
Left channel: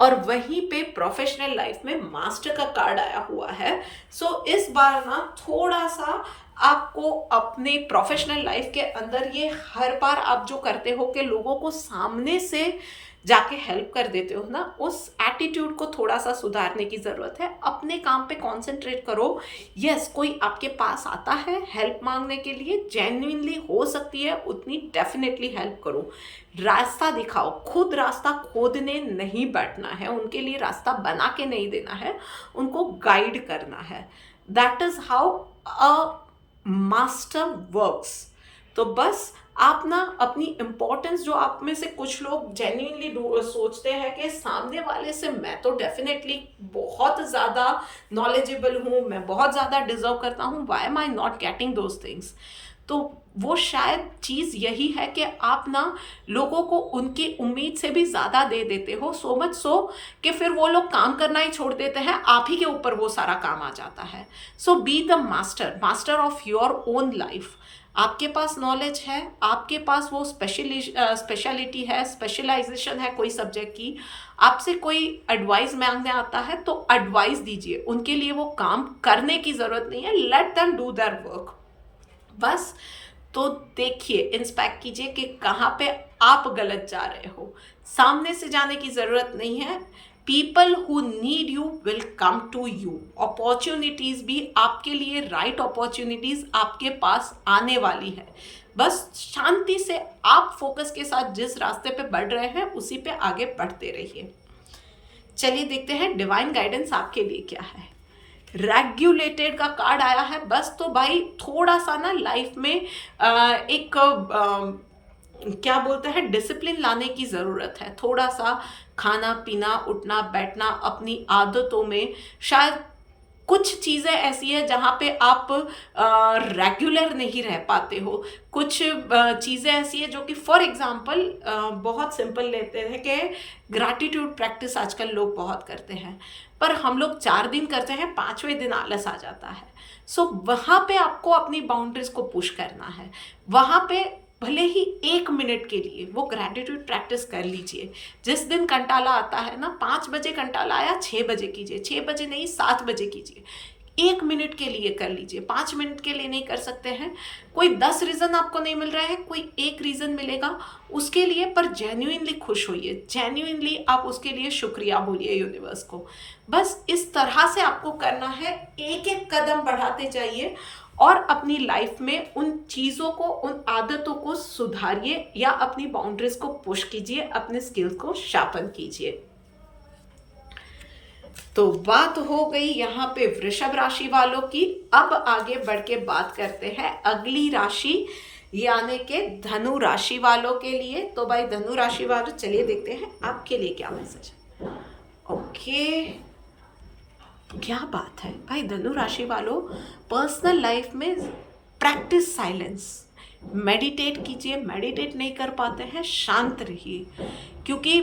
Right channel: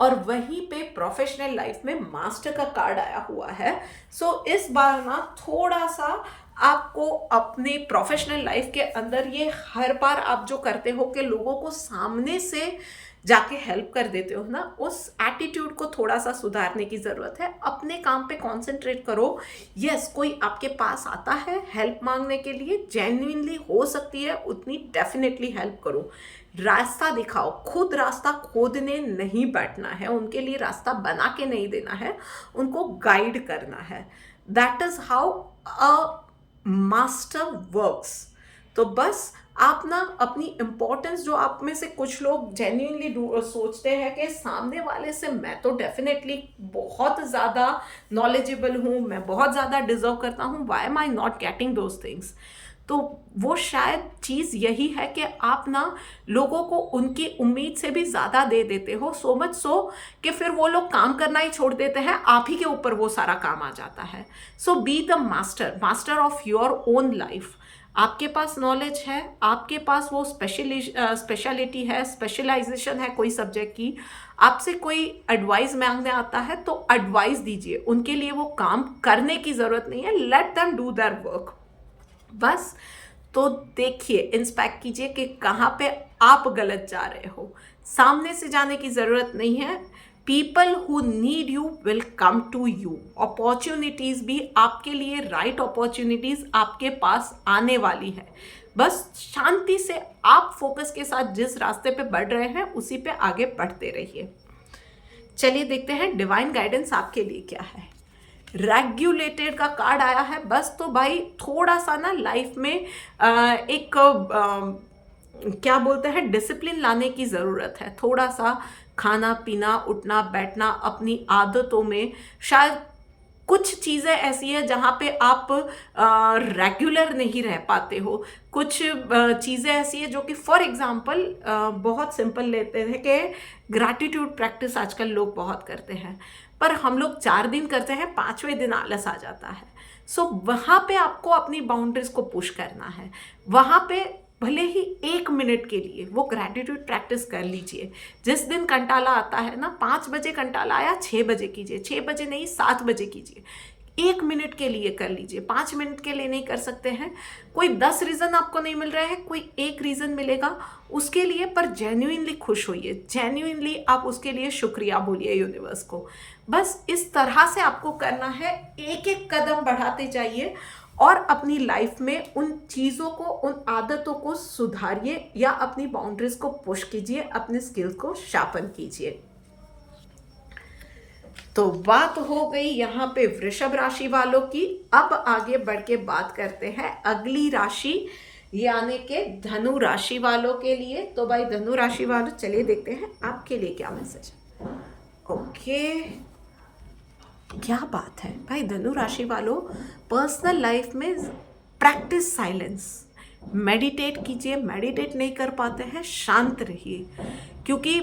और वहीं पे प्रोफेशनल लाइफ में मास्टर का कार्ड आया हुआ है। सो इस बार ना थोड़ा सा आपको अपने प्रोफेशनल लाइफ के अंदर, ये हर बार आप जो करते हो कि लोगों को सामने से जाके हेल्प कर देते हो ना, उस एटीट्यूड को थोड़ा सा सुधारने की ज़रूरत है। अपने काम पे कंसंट्रेट करो। यस, कोई आपके पास आता है हेल्प मांगने के लिए, जेन्युइनली हो सकती है उतनी, डेफिनेटली हेल्प करो। रास्ता दिखाओ, खुद रास्ता खोदने नहीं बैठना है, उनके लिए रास्ता बना के नहीं देना है, उनको गाइड करना है। That is how a master works. तो बस आप ना अपनी इम्पोर्टेंस, जो आप में से कुछ लोग जेन्युइनली सोचते हैं कि सामने वाले से मैं तो डेफिनेटली बहुत ज़्यादा नॉलेजेबल हूँ, मैं बहुत ज़्यादा डिजर्व करता हूँ, why am I not getting those things. तो वो शायद चीज़ यही है कि आप ना लोगों को उनकी उम्मीद से भी ज़्यादा दे देते हो, सो मच सो कि फिर वो लोग काम करना ही छोड़ देते हैं, आप ही के ऊपर वो सारा काम आ जाता है। So be the master of your own life. आपके पास नॉलेज है, आपके पास वो स्पेशलिटी है, स्पेशलाइजेशन है कोई सब्जेक्ट की। आपसे कोई एडवाइस मांगने आता है तो एडवाइस दीजिए, उनके लिए वो काम करने की ज़रूरत नहीं है, let them do their work बस। तो देखिए, इंस्पेक्ट कीजिए कि कहाँ पे आप गलत जा रहे हो। सामने से जाने की ज़रूरत नहीं है। People who need you will come to you. Opportunities भी आपके लिए, राइट अपॉर्चुनिटीज़ आपके पास आने वाली है। बस शांति से आप फोकस के साथ जिस रास्ते पे बढ़ रहे हैं उसी पे आगे बढ़ते रहिए। चलिए देखते हैं डिवाइन गाइडेंस आपके लिए क्या है। रेगुलेटेड का कार्ड आया है। बस तो भाई थोड़ा सा ना लाइफ में एक क्या बोलते हैं, डिसिप्लिन लाने की ज़रूरत है। थोड़ा सा खाना पीना, उठना बैठना, अपनी आदतों में शायद कुछ चीज़ें ऐसी है जहाँ पे आप रेगुलर नहीं रह पाते हो। कुछ चीज़ें ऐसी है जो कि फॉर एग्जांपल बहुत सिंपल लेते हैं कि ग्रैटिट्यूड प्रैक्टिस आजकल लोग बहुत करते हैं, पर हम लोग 4 दिन करते हैं, 5वें दिन आलस आ जाता है। सो वहाँ पे आपको अपनी बाउंड्रीज को पुश करना है। वहाँ पे भले ही 1 मिनट के लिए वो ग्रैटिट्यूड प्रैक्टिस कर लीजिए। जिस दिन कंटाला आता है ना, 5 बजे कंटाला आया, 6 बजे कीजिए, 6 बजे नहीं 7 बजे कीजिए। 1 मिनट के लिए कर लीजिए, 5 मिनट के लिए नहीं कर सकते हैं। कोई 10 रीज़न आपको नहीं मिल रहा है, कोई 1 रीज़न मिलेगा उसके लिए, पर जेन्युइनली खुश होइए, जेन्युइनली आप उसके लिए शुक्रिया बोलिए यूनिवर्स को। बस इस तरह से आपको करना है, एक एक कदम बढ़ाते जाइए और अपनी लाइफ में उन चीज़ों को, उन आदतों को सुधारिए या अपनी बाउंड्रीज को पुश कीजिए, अपने स्किल्स को शार्पन कीजिए। तो बात हो गई यहाँ पे वृषभ राशि वालों की। अब आगे बढ़ के बात करते हैं अगली राशि यानी कि धनु राशि वालों के लिए। तो भाई धनु राशि वालों, चलिए देखते हैं आपके लिए क्या मैसेज है। ओके, क्या बात है भाई धनु राशि वालों, पर्सनल लाइफ में प्रैक्टिस साइलेंस, मेडिटेट कीजिए। मेडिटेट नहीं कर पाते हैं, शांत रहिए। क्योंकि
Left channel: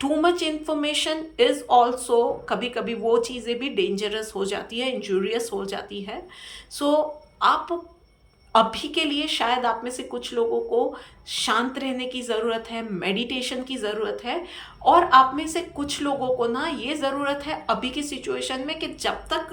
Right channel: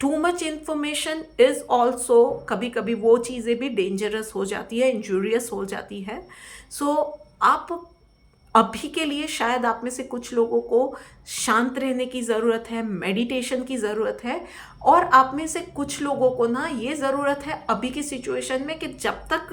too much information is also कभी कभी वो चीज़ें भी डेंजरस हो जाती है, इंजूरियस हो जाती है। सो आप अभी के लिए शायद आप में से कुछ लोगों को शांत रहने की ज़रूरत है, मेडिटेशन की ज़रूरत है, और आप में से कुछ लोगों को ना ये ज़रूरत है अभी की सिचुएशन में कि जब तक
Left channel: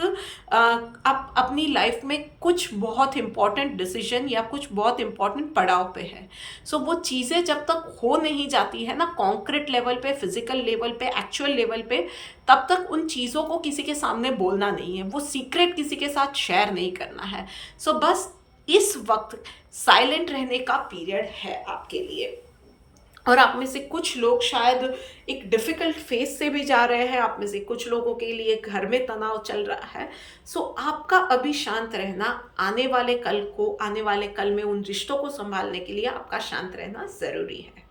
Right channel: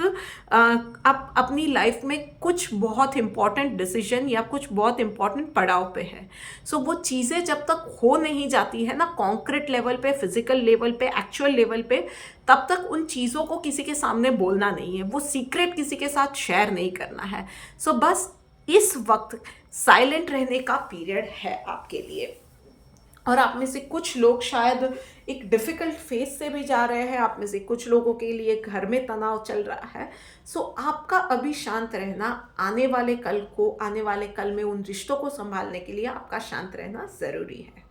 आप अपनी लाइफ में कुछ बहुत इम्पॉर्टेंट डिसीजन या कुछ बहुत इम्पॉर्टेंट पड़ाव पे है, सो वो चीज़ें जब तक हो नहीं जाती है ना कॉन्क्रीट लेवल पे, फिजिकल लेवल पे, एक्चुअल लेवल पे, तब तक उन चीज़ों को किसी के सामने बोलना नहीं है, वो सीक्रेट किसी के साथ शेयर नहीं करना है। सो बस इस वक्त साइलेंट रहने का पीरियड है आपके लिए। और आप में से कुछ लोग शायद एक डिफ़िकल्ट फेज से भी जा रहे हैं, आप में से कुछ लोगों के लिए घर में तनाव चल रहा है। सो आपका अभी शांत रहना आने वाले कल में उन रिश्तों को संभालने के लिए आपका शांत रहना ज़रूरी है।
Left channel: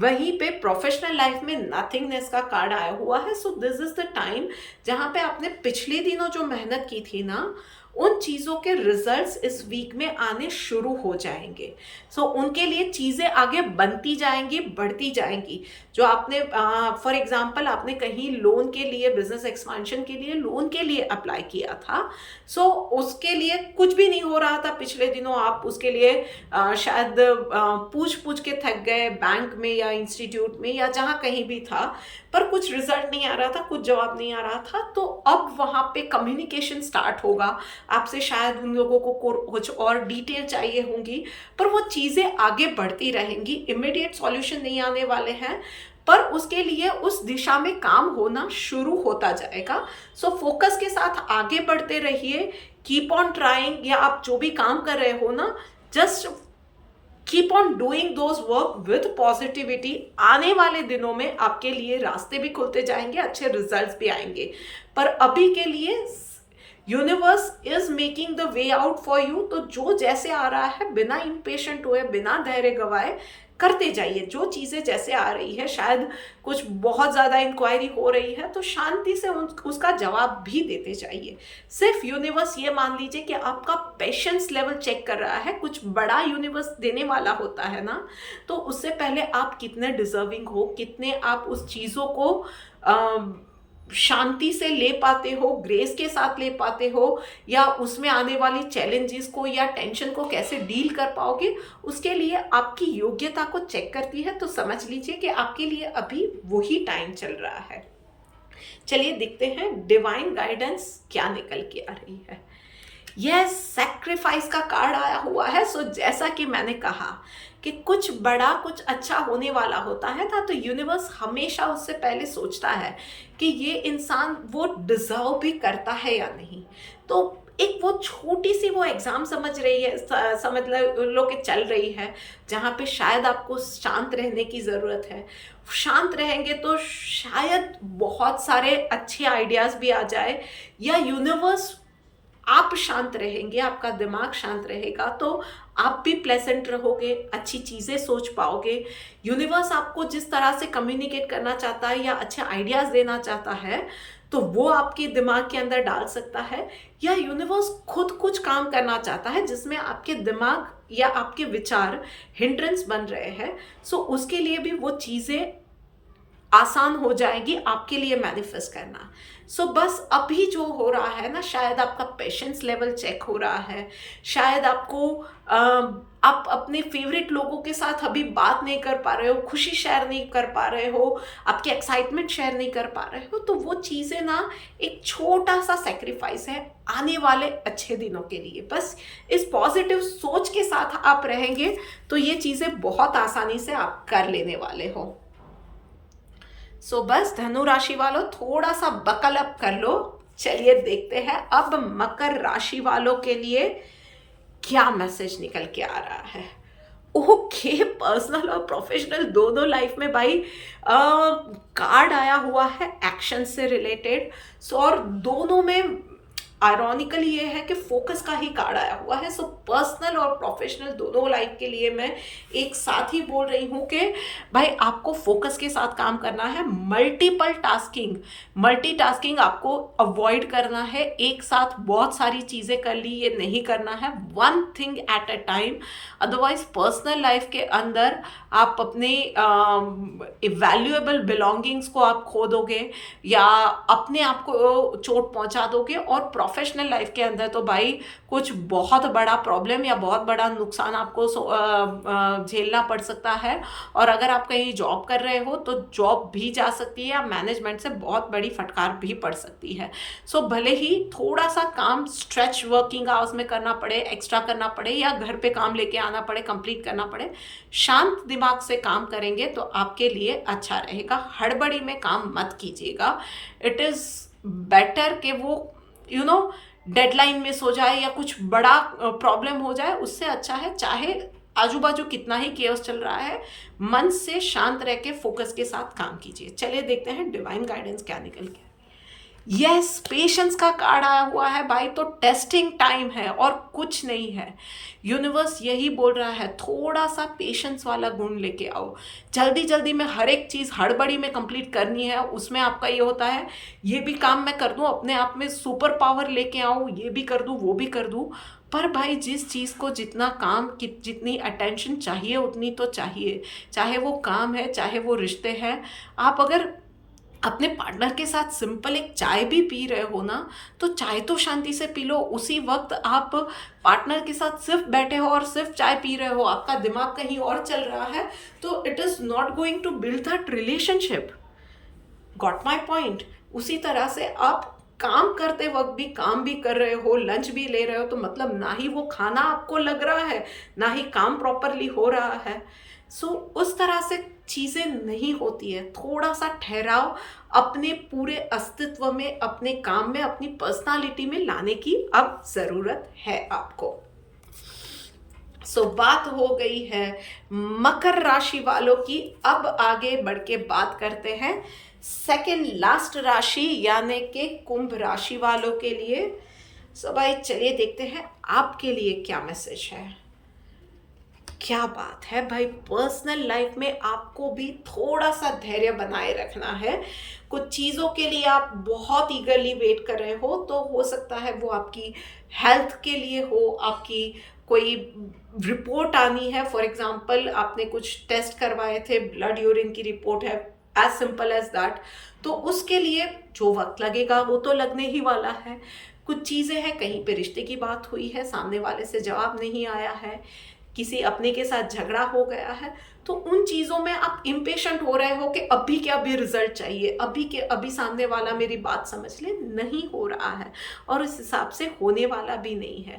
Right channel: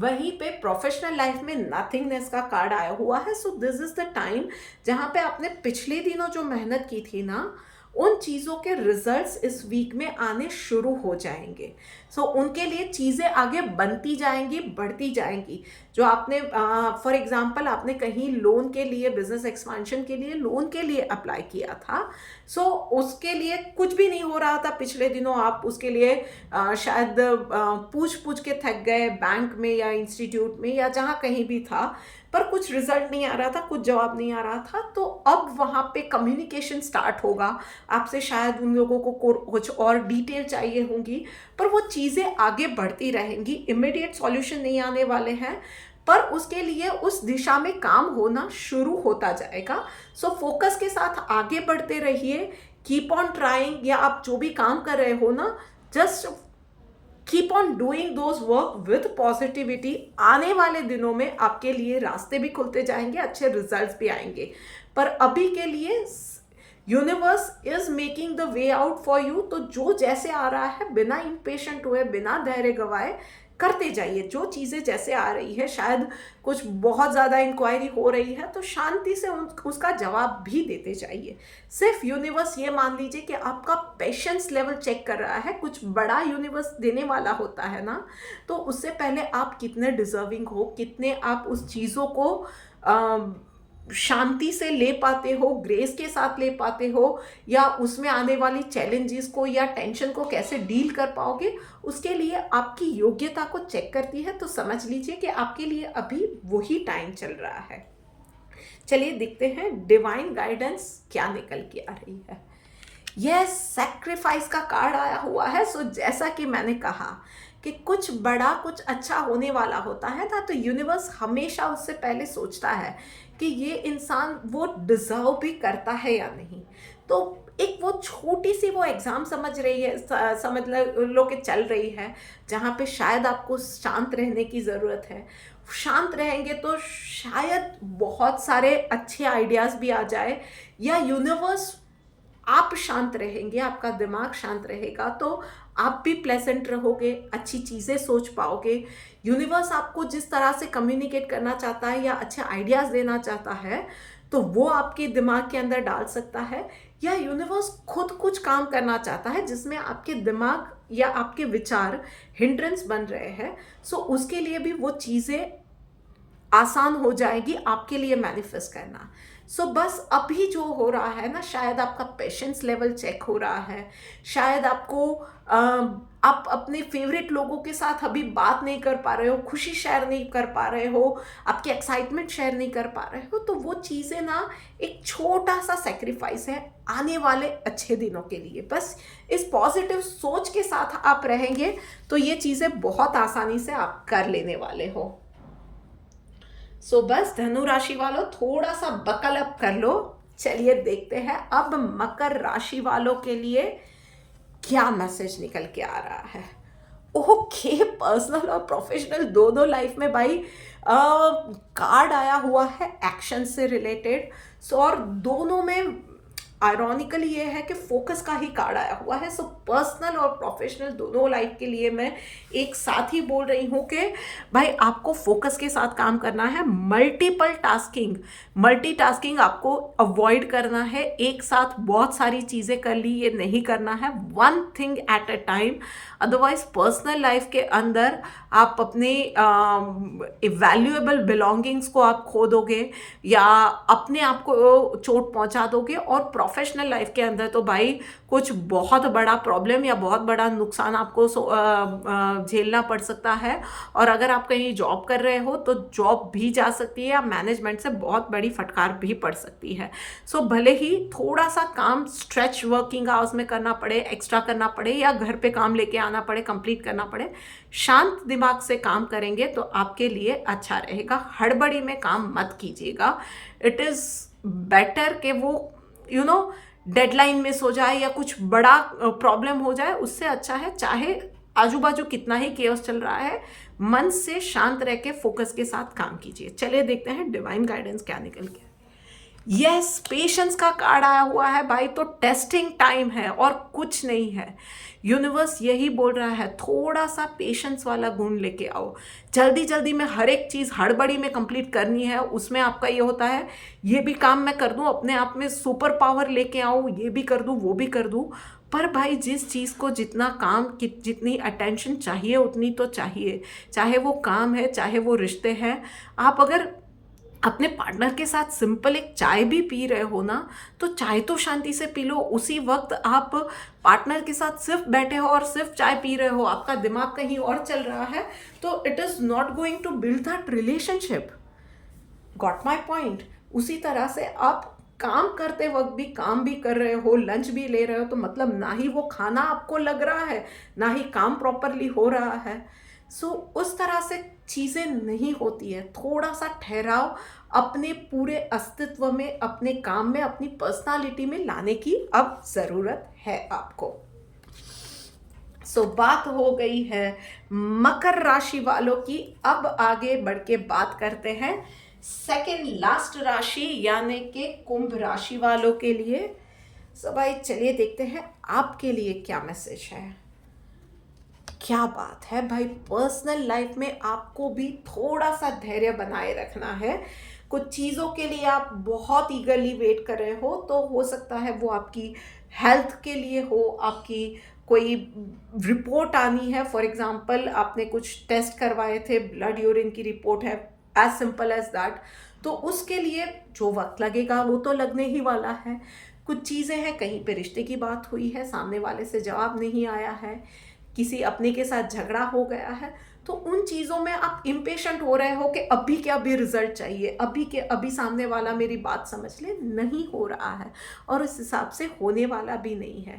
वहीं पे प्रोफेशनल लाइफ में नथिंगनेस का कार्ड आया हुआ है। So this is the time जहाँ पे आपने पिछले दिनों जो मेहनत की थी ना, उन चीज़ों के रिजल्ट्स इस वीक में आने शुरू हो जाएंगे। सो उनके लिए चीज़ें आगे बनती जाएंगी, बढ़ती जाएंगी। जो आपने फॉर एग्जांपल आपने कहीं लोन के लिए, बिजनेस एक्सपेंशन के लिए लोन के लिए अप्लाई किया था, सो उसके लिए कुछ भी नहीं हो रहा था पिछले दिनों, आप उसके लिए शायद पूछ पूछ के थक गए बैंक में या इंस्टीट्यूट में या जहाँ कहीं भी था, पर कुछ रिजल्ट नहीं आ रहा था, कुछ जवाब नहीं आ रहा था। तो अब वहाँ पे कम्युनिकेशन स्टार्ट होगा आपसे, शायद उन लोगों को कुछ और डिटेल चाहिए होंगी, पर वो चीज़ें आगे बढ़ती रहेंगी। इमीडिएट सॉल्यूशन नहीं आने वाले हैं, पर उसके लिए उस दिशा में काम होना शुरू होता जाएगा। सो फोकस के साथ आगे बढ़ते रहिए, कीप ऑन ट्राइंग, या आप जो भी काम कर रहे हो ना, just keep on doing those work with positivity. आने वाले दिनों में आपके लिए रास्ते भी खुलते जाएंगे, अच्छे रिजल्ट्स भी आएंगे। पर अभी के लिए universe is making the way out for you. तो जो जैसे आ रहा है, बिना इम्पेशेंट हुए, बिना धैर्य गवाए करते जाइए। जो चीज़ें जैसे आ रही है, शायद कुछ बहुत ज़्यादा इंक्वायरी हो रही है, तो शांति से उसका जवाब भी देते जाइए। सिर्फ यूनिवर्स ये मान लीजिए कि आपका पेशेंस लेवल चेक कर रहा है। कुछ बड़ा यूनिवर्स देने वाला होता है ना, तो उससे पहले आप कितने डिजर्विंग हो, कितने आप उस चीज़ों को शांति से ले पाते हो, ग्रेस के साथ ले पाते हो, या उसमें आने वाली चैलेंजेस को या टेंशन को कैसे डील कर पाओगे, उसके लिए आपकी योग्यता को चेक करती है। तो समझ लीजिए कि आपके लिए अभी वही टाइम चल रहा है। चलिए देखते हैं डिवाइन गाइडेंस क्या निकल के आ रही है। यह सैक्रिफाइस का कार्ड आया हुआ है। सो जैसा कि मैंने कहा कि कुछ बड़ा, कुछ अच्छा होने वाला होता है ना, तो यूनिवर्स हमेशा उससे पहले सोचता है कि ये इंसान वो डिजर्व भी करता है या नहीं। तो एक वो छोटी सी वो एग्ज़ाम समझ रही है, समझ लो कि चल रही है, जहाँ पे शायद आपको शांत रहने की ज़रूरत है। शांत रहेंगे तो शायद बहुत सारे अच्छे आइडियाज़ भी आ जाए, या यूनिवर्स, आप शांत रहेंगे, आपका दिमाग शांत रहेगा, तो आप भी प्लेजेंट रहोगे, अच्छी चीज़ें सोच पाओगे। यूनिवर्स आपको जिस तरह से कम्युनिकेट करना चाहता है या अच्छे आइडियाज़ देना चाहता है, तो वो आपके दिमाग के अंदर डाल सकता है, या यूनिवर्स खुद कुछ काम करना चाहता है जिसमें आपके दिमाग या आपके विचार हिंड्रेंस बन रहे हैं। सो उसके लिए भी वो चीज़ें आसान हो जाएगी आपके लिए मैनिफेस्ट करना। सो बस अभी जो हो रहा है ना, शायद आपका पेशेंस लेवल चेक हो रहा है, शायद आपको आप अपने फेवरेट लोगों के साथ अभी बात नहीं कर पा रहे हो, खुशी शेयर नहीं कर पा रहे हो, आपके एक्साइटमेंट शेयर नहीं कर पा रहे हो, तो वो चीज़ें ना एक छोटा सा सेक्रीफाइस है आने वाले अच्छे दिनों के लिए। बस इस पॉजिटिव सोच के साथ आप रहेंगे तो ये चीज़ें बहुत आसानी से आप कर लेने वाले हो। सो बस धनु राशि वालों, थोड़ा सा बकल अप कर लो। चलिए देखते हैं अब मकर राशि वालों के लिए क्या मैसेज निकल के आ रहा है। ओके, पर्सनल और प्रोफेशनल दोनों लाइफ में भाई कार्ड आया हुआ है एक्शन से रिलेटेड। सो और दोनों में आयरॉनिकली ये है कि फोकस का ही कार्ड आया हुआ है। सो पर्सनल और प्रोफेशनल दोनों लाइफ के लिए मैं एक साथ ही बोल रही हूँ कि भाई आपको फोकस के साथ काम करना है। मल्टीटास्किंग आपको अवॉइड करना है। एक साथ बहुत सारी चीज़ें कर ली, ये नहीं करना है। One thing at a time. Otherwise personal life के अंदर आप अपने वैल्यूएबल बिलोंगिंग्स को आप खो दोगे या अपने आप को चोट पहुंचा दोगे। और प्रोफेशनल लाइफ के अंदर तो भाई कुछ बहुत बड़ा प्रॉब्लम या बहुत बड़ा नुकसान आपको झेलना पड़ सकता है। और अगर आप कहीं जॉब कर रहे हो तो जॉब भी जा सकती है या मैनेजमेंट से बहुत बड़ी फटकार भी पड़ सकती है। सो भले ही थोड़ा सा काम स्ट्रेच वर्किंग आवर्स में करना पड़े, एक्स्ट्रा करना पड़े या घर पे काम लेके आना पड़े, कंप्लीट करना पड़े, शांत दिमाग से काम करेंगे तो आपके लिए अच्छा रहेगा। हड़बड़ी में काम मत कीजिएगा। इट इज़ बेटर कि वो डेडलाइन मिस हो जाए या कुछ बड़ा प्रॉब्लम हो जाए, उससे अच्छा है चाहे आजू बाजू कितना ही केओस चल रहा है, मन से शांत रह के फोकस के साथ काम कीजिए। चलिए देखते हैं डिवाइन गाइडेंस क्या निकल के। यस, पेशेंस का कार्ड आया हुआ है भाई। तो टेस्टिंग टाइम है और कुछ नहीं है। यूनिवर्स यही बोल रहा है थोड़ा सा पेशेंस वाला गुण लेके आओ। जल्दी जल्दी में हर एक चीज़ हड़बड़ी में कंप्लीट करनी है, उसमें आपका ये होता है ये भी काम मैं कर दूं, अपने आप में सुपर पावर लेके आऊँ, ये भी कर दूं वो भी कर दूं। पर भाई जिस चीज़ को जितना काम की जितनी अटेंशन चाहिए उतनी तो चाहिए, चाहे वो काम है चाहे वो रिश्ते हैं। आप अगर अपने पार्टनर के साथ सिंपल एक चाय भी पी रहे हो ना, तो चाय तो शांति से पी लो। उसी वक्त आप पार्टनर के साथ सिर्फ बैठे हो और सिर्फ चाय पी रहे हो, आपका दिमाग कहीं और चल रहा है, तो it is not going to build that relationship. Got my point. उसी तरह से आप काम करते वक्त भी काम भी कर रहे हो, लंच भी ले रहे हो, तो मतलब ना ही वो खाना आपको लग रहा है ना ही काम प्रॉपरली हो रहा है। सो उस तरह से चीज़ें नहीं होती है। थोड़ा सा ठहराव अपने पूरे अस्तित्व में, अपने काम में, अपनी पर्सनालिटी में लाने की अब ज़रूरत है आपको। सो बात हो गई है मकर राशि वालों की। अब आगे बढ़ के बात करते हैं सेकेंड लास्ट राशि यानी कि कुंभ राशि वालों के लिए। सो भाई चलिए देखते हैं आपके लिए क्या मैसेज है। क्या बात है भाई, पर्सनल लाइफ में आपको भी थोड़ा सा धैर्य बनाए रखना है। कुछ चीज़ों के लिए आप बहुत ईगरली वेट कर रहे हो, तो हो सकता है वो आपकी हेल्थ के लिए हो, आपकी कोई रिपोर्ट आनी है। फॉर एग्जांपल आपने कुछ टेस्ट करवाए थे, ब्लड यूरिन की रिपोर्ट है, एज सिंपल एज दैट। तो उसके लिए जो वक्त लगेगा वो तो लगने ही वाला है। कुछ चीज़ें हैं, कहीं पे रिश्ते की बात हुई है, सामने वाले से जवाब नहीं आया है, किसी अपने के साथ झगड़ा हो गया है, तो उन चीज़ों में आप इम्पेशेंट हो रहे हो कि अभी के अभी रिजल्ट चाहिए, अभी के अभी सामने वाला मेरी बात समझ ले। नहीं हो रहा है और इस हिसाब से होने वाला भी नहीं है।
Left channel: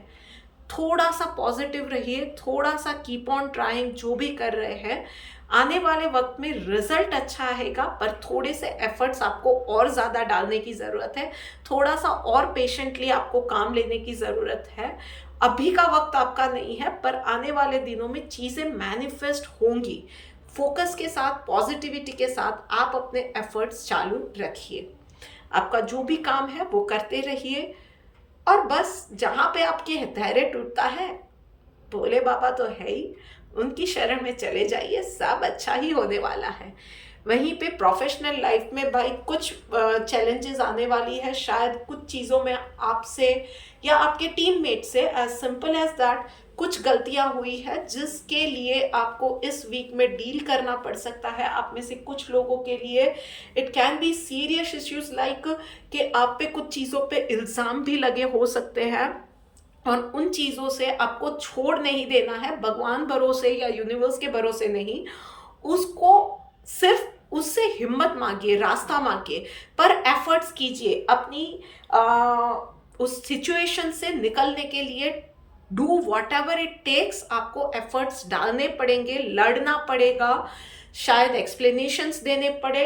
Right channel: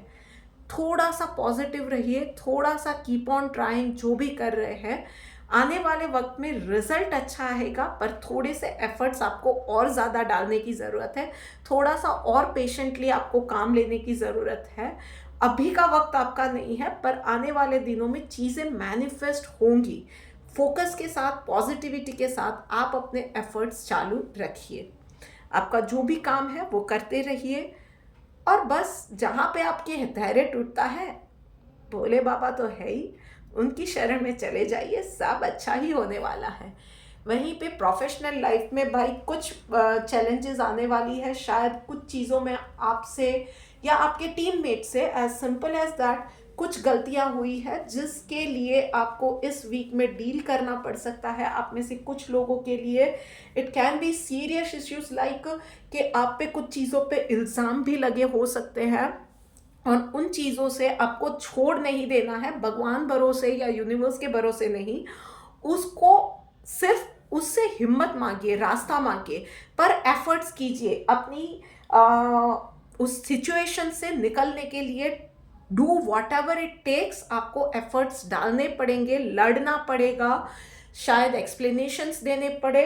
थोड़ा सा पॉजिटिव रहिए, थोड़ा सा कीप ऑन ट्राइंग। जो भी कर रहे हैं आने वाले वक्त में रिजल्ट अच्छा आएगा, पर थोड़े से एफर्ट्स आपको और ज़्यादा डालने की ज़रूरत है। थोड़ा सा और पेशेंटली आपको काम लेने की ज़रूरत है। अभी का वक्त आपका नहीं है, पर आने वाले दिनों में चीज़ें मैनिफेस्ट होंगी। फोकस के साथ, पॉजिटिविटी के साथ आप अपने एफर्ट्स चालू रखिए। आपका जो भी काम है वो करते रहिए। और बस जहाँ पे आपके धैर्य टूटता है, भोले बाबा तो है ही, उनकी शरण में चले जाइए, सब अच्छा ही होने वाला है। वहीं पे प्रोफेशनल लाइफ में भाई कुछ चैलेंजेस आने वाली है। शायद कुछ चीज़ों में आपसे या आपके टीममेट से, एज सिंपल एज दैट, कुछ गलतियां हुई है जिसके लिए आपको इस वीक में डील करना पड़ सकता है। आप में से कुछ लोगों के लिए it can be serious issues like कि आप पे कुछ चीज़ों पे इल्ज़ाम भी लगे हो सकते हैं, और उन चीज़ों से आपको छोड़ नहीं देना है। भगवान भरोसे या यूनिवर्स के भरोसे नहीं, उसको सिर्फ उससे हिम्मत मांगिए, रास्ता मांगिए, पर एफर्ट्स कीजिए अपनी उस सिचुएशन से निकलने के लिए। Do whatever it takes. आपको एफर्ट्स डालने पड़ेंगे, लड़ना पड़ेगा, शायद एक्सप्लेनेशंस देने पड़े।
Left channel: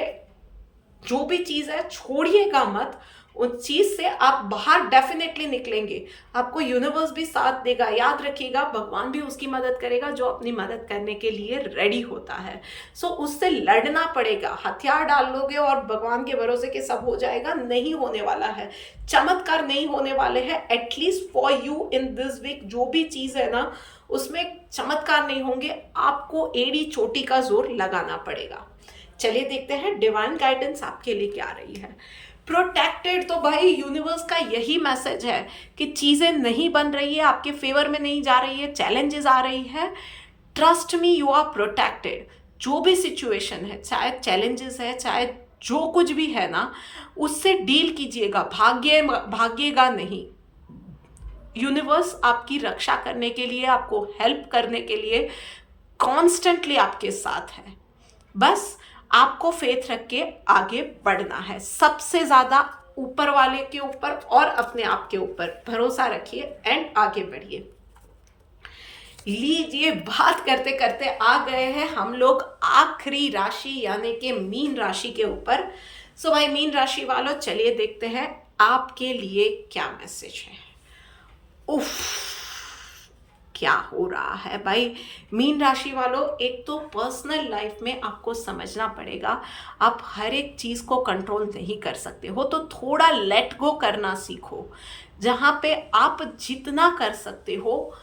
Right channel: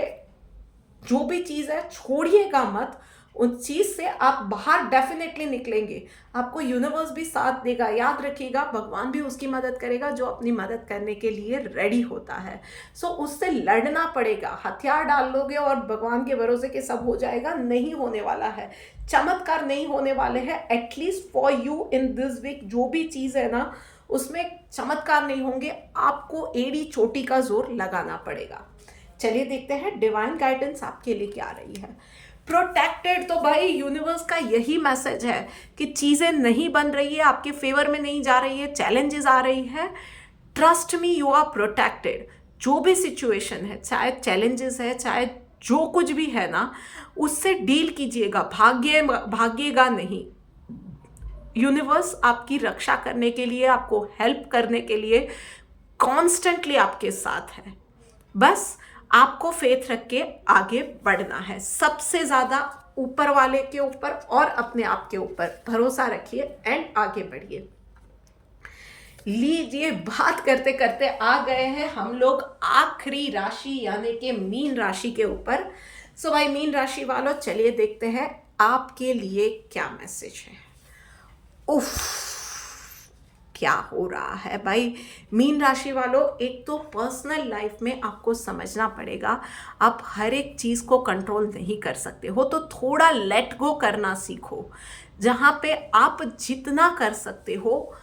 जो भी चीज़ है छोड़िएगा मत, उस चीज़ से आप बाहर डेफिनेटली निकलेंगे। आपको यूनिवर्स भी साथ देगा। याद रखिएगा, भगवान भी उसकी मदद करेगा जो अपनी मदद करने के लिए रेडी होता है। सो उससे लड़ना पड़ेगा। हथियार डाल लोगे और भगवान के भरोसे के सब हो जाएगा, नहीं होने वाला है। चमत्कार नहीं होने वाले हैं, at least for you in this week. जो भी चीज़ है ना, उसमें चमत्कार नहीं होंगे। आपको एड़ी चोटी का जोर लगाना पड़ेगा। चलिए देखते हैं डिवाइन गाइडेंस आपके लिए क्या रही है। प्रोटेक्टेड, तो भाई यूनिवर्स का यही मैसेज है कि चीज़ें नहीं बन रही है, आपके फेवर में नहीं जा रही है, चैलेंजेस आ रही है। Trust me, you are protected. जो भी सिचुएशन है, चाहे चैलेंजेस है, चाहे जो कुछ भी है ना, उससे डील कीजिएगा। भागिएगा नहीं। यूनिवर्स आपकी रक्षा करने के लिए, आपको हेल्प करने के लिए कॉन्स्टेंटली आपके साथ है। बस आपको फेथ रख के आगे बढ़ना है। सबसे ज़्यादा ऊपर वाले के ऊपर और अपने आप के ऊपर भरोसा रखिए एंड आगे बढ़िए। लीजिए, बात करते करते आ गए हैं हम लोग आखिरी राशि यानी कि मीन राशि के ऊपर। सो भाई मीन राशि वालों, चलिए देखते हैं आपके लिए क्या मैसेज है। उफ, क्या हो रहा है भाई मीन राशि वालों। एक तो पर्सनल लाइफ में आपको समझना पड़ेगा, आप हर एक चीज़ को कंट्रोल नहीं कर सकते हो, तो थोड़ा लेट गो करना सीखो। जहाँ पे आप जितना कर सकते हो,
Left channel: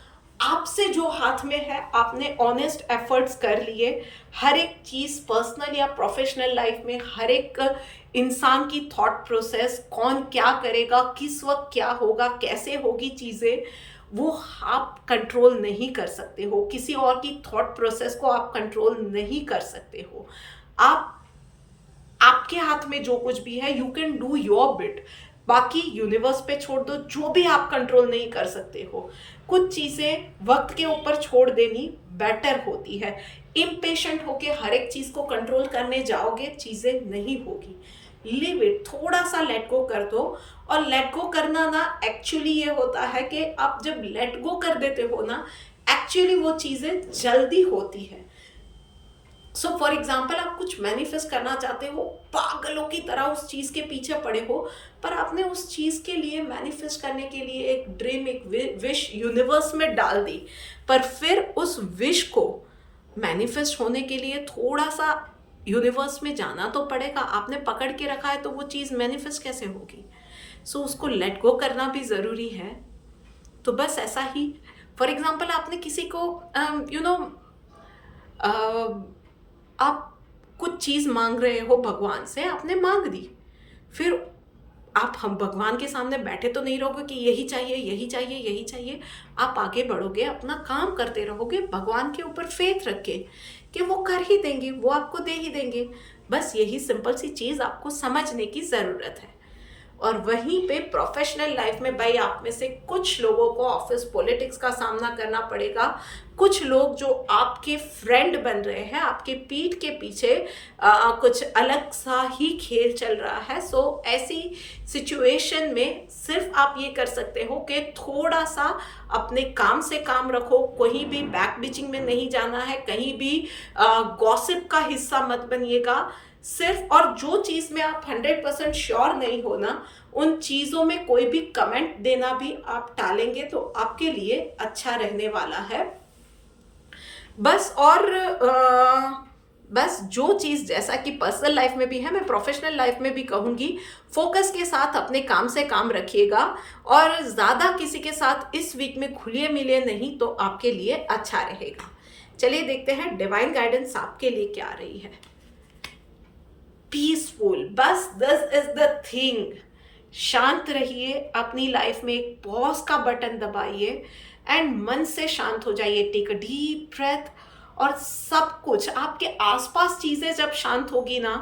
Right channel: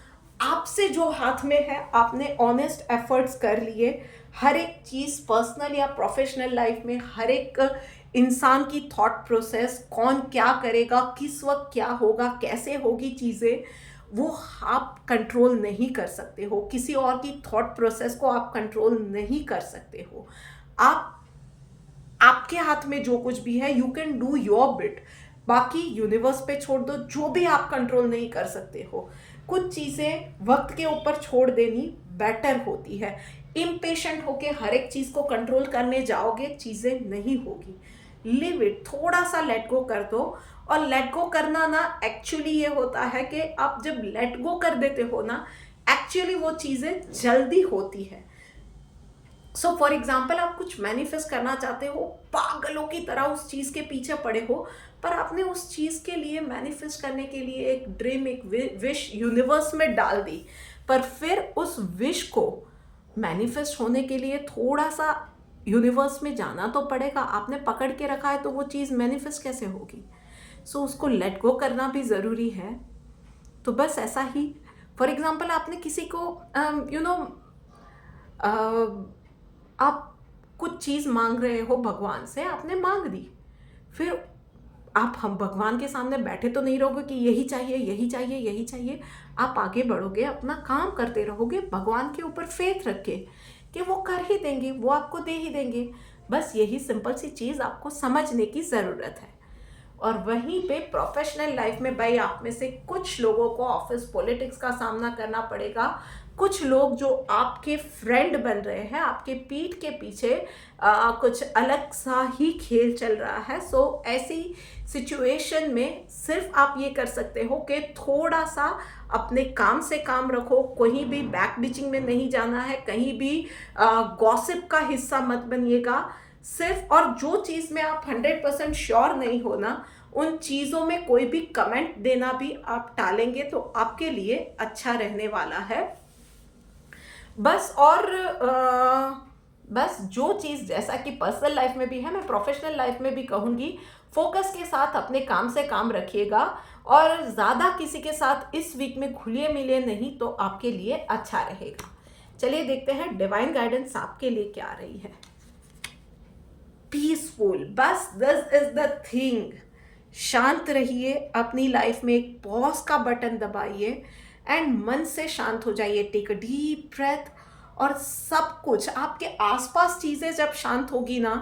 आपसे जो हाथ में है, आपने ऑनेस्ट एफर्ट्स कर लिए। हर एक चीज़ पर्सनल या प्रोफेशनल लाइफ में, हर एक इंसान की थॉट प्रोसेस, कौन क्या करेगा, किस वक्त क्या होगा, कैसे होगी चीज़ें, वो आप कंट्रोल नहीं कर सकते हो। किसी और की थॉट प्रोसेस को आप कंट्रोल नहीं कर सकते हो। आपके हाथ में जो कुछ भी है, you can do your bit. बाकी यूनिवर्स पे छोड़ दो, जो भी आप कंट्रोल नहीं कर सकते हो। कुछ चीज़ें वक्त के ऊपर छोड़ देनी बेटर होती है। इम्पेशेंट होके हर एक चीज़ को कंट्रोल करने जाओगे, चीज़ें नहीं होगी। लिव इट, थोड़ा सा लेट गो कर दो। और लेट गो करना ना एक्चुअली ये होता है कि आप जब लेट गो कर देते हो ना, एक्चुअली वो चीज़ें जल्दी होती है। सो फॉर एग्जाम्पल, आप कुछ मैनिफेस्ट करना चाहते हो, पागलों की तरह उस चीज़ के पीछे पड़े हो, पर आपने उस चीज़ के लिए मैनिफेस्ट करने के लिए एक ड्रीम, एक विश यूनिवर्स में डाल दी, पर फिर उस विश को मैनिफेस्ट होने के लिए थोड़ा सा यूनिवर्स में जाना तो पड़ेगा। आपने पकड़ के रखा है तो वो चीज़ मैनिफेस्ट कैसे होगी। सो उसको लेट गो करना भी ज़रूरी है। तो बस ऐसा ही, फॉर एग्जाम्पल, आपने किसी को आप कुछ चीज़ मांग रहे हो भगवान से, आपने मांग दी, फिर हम भगवान के सामने बैठे तो नहीं रहोगे कि यही चाहिए, यही चाहिए, यही चाहिए। आप आगे बढ़ोगे, अपना काम करते रहोगे, भगवान के ऊपर फेथ रख के कि वो कर ही देंगे, वो आपको दे ही देंगे। बस यही सिंपल सी चीज़ आपको समझने की ज़रूरत है। और वहीं पे प्रोफेशनल लाइफ में भाई, आप में से कुछ लोगों को ऑफिस पॉलिटिक्स का सामना करना पड़ेगा। कुछ लोग जो आपके फ्रेंड बन रहे हैं, आपके पीठ के पीछे कुछ अलग सा ही खेल चल रहा है। सो ऐसी सिचुएशन में सिर्फ आप ये कर सकते हो कि थोड़ा सा अपने काम से काम रखो, कहीं भी बैक बिचिंग में नहीं जाना है, कहीं भी गॉसिप का हिस्सा मत बनिएगा सिर्फ। और जो चीज़ में आप 100% श्योर नहीं हो ना, उन चीज़ों में कोई भी कमेंट देना भी आप टालेंगे तो आपके लिए अच्छा रहने वाला है। बस और बस जो चीज़ जैसा कि पर्सनल लाइफ में भी है, मैं प्रोफेशनल लाइफ में भी कहूँगी, फोकस के साथ अपने काम से काम रखिएगा और ज़्यादा किसी के साथ इस वीक में घुलिए मिलिए नहीं, तो आपके लिए अच्छा रहेगा। चलिए देखते हैं डिवाइन गाइडेंस आपके लिए क्या रही है। पीसफुल, बस दिस इज द थिंग। शांत रहिए, अपनी लाइफ में एक पॉज का बटन दबाइए एंड मन से शांत हो जाइए। Take a deep breath. और सब कुछ आपके आसपास चीज़ें जब शांत होगी ना,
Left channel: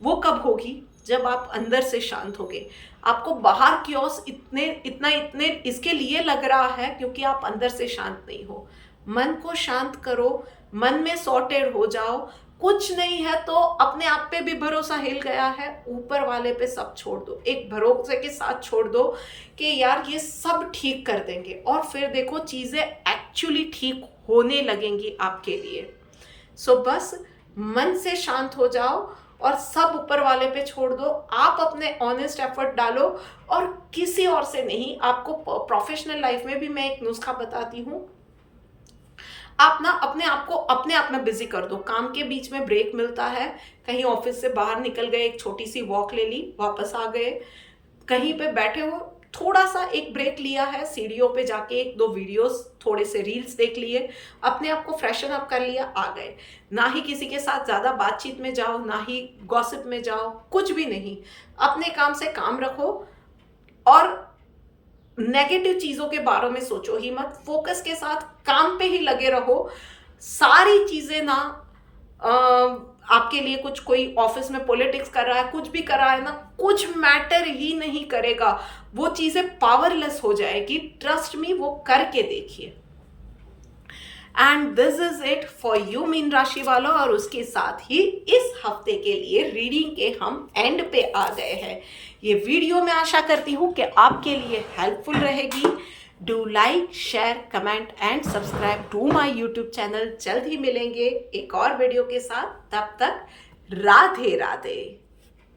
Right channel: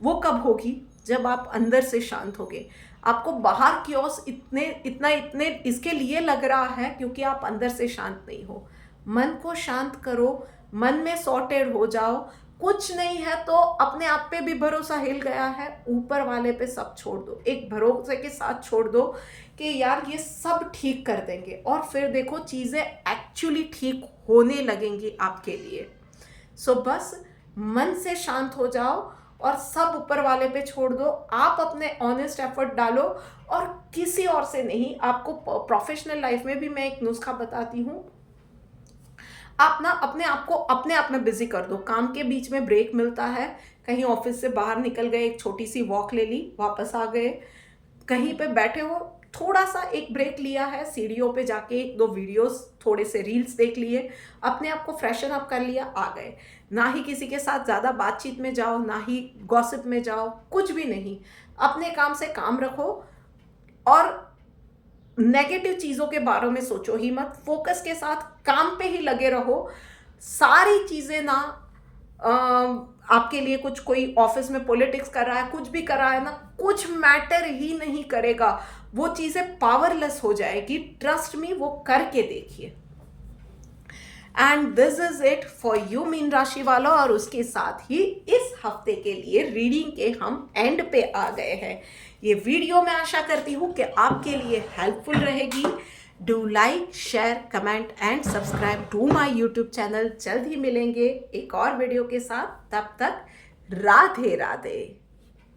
वो कब होगी, जब आप अंदर से शांत होगे। आपको बाहर क्योस इतने इसके लिए लग रहा है क्योंकि आप अंदर से शांत नहीं हो। मन को शांत करो, मन में सॉर्टेड हो जाओ। कुछ नहीं है तो अपने आप पे भी भरोसा हिल गया है, ऊपर वाले पे सब छोड़ दो, एक भरोसे के साथ छोड़ दो कि यार ये सब ठीक कर देंगे, और फिर देखो चीज़ें एक्चुअली ठीक होने लगेंगी आपके लिए। सो बस मन से शांत हो जाओ और सब ऊपर वाले पे छोड़ दो। आप अपने ऑनेस्ट एफर्ट डालो और किसी और से नहीं। आपको प्रोफेशनल लाइफ में भी मैं एक नुस्खा बताती हूँ। आप ना अपने आप को अपने आप में बिजी कर दो। काम के बीच में ब्रेक मिलता है, कहीं ऑफिस से बाहर निकल गए, एक छोटी सी वॉक ले ली, वापस आ गए, कहीं पे बैठे हो, थोड़ा सा एक ब्रेक लिया है, सीढ़ियों पे जाके एक दो वीडियोस, थोड़े से रील्स देख लिए, अपने आप को फ्रेशन अप कर लिया, आ गए। ना ही किसी के साथ ज़्यादा बातचीत में जाओ, ना ही गॉसिप में जाओ, कुछ भी नहीं। अपने काम से काम रखो और नेगेटिव चीज़ों के बारे में सोचो ही मत। फोकस के साथ काम पे ही लगे रहो। सारी चीज़ें ना आपके लिए, कुछ कोई ऑफिस में पॉलिटिक्स कर रहा है, कुछ भी कर रहा है ना, कुछ मैटर ही नहीं करेगा। वो चीज़ें पावरलेस हो जाएगी। ट्रस्ट मी, वो करके देखिए। And this is it for you mean राशि वालों। और उसके साथ ही इस हफ्ते के लिए रीडिंग के हम एंड पे आ गए हैं। ये वीडियो मैं आशा करती हूँ कि आपके लिए हेल्पफुल रहेगी। Do like, share, comment and subscribe to my YouTube channel. जल्द ही मिलेंगे एक और वीडियो के साथ। तब तक राधे राधे।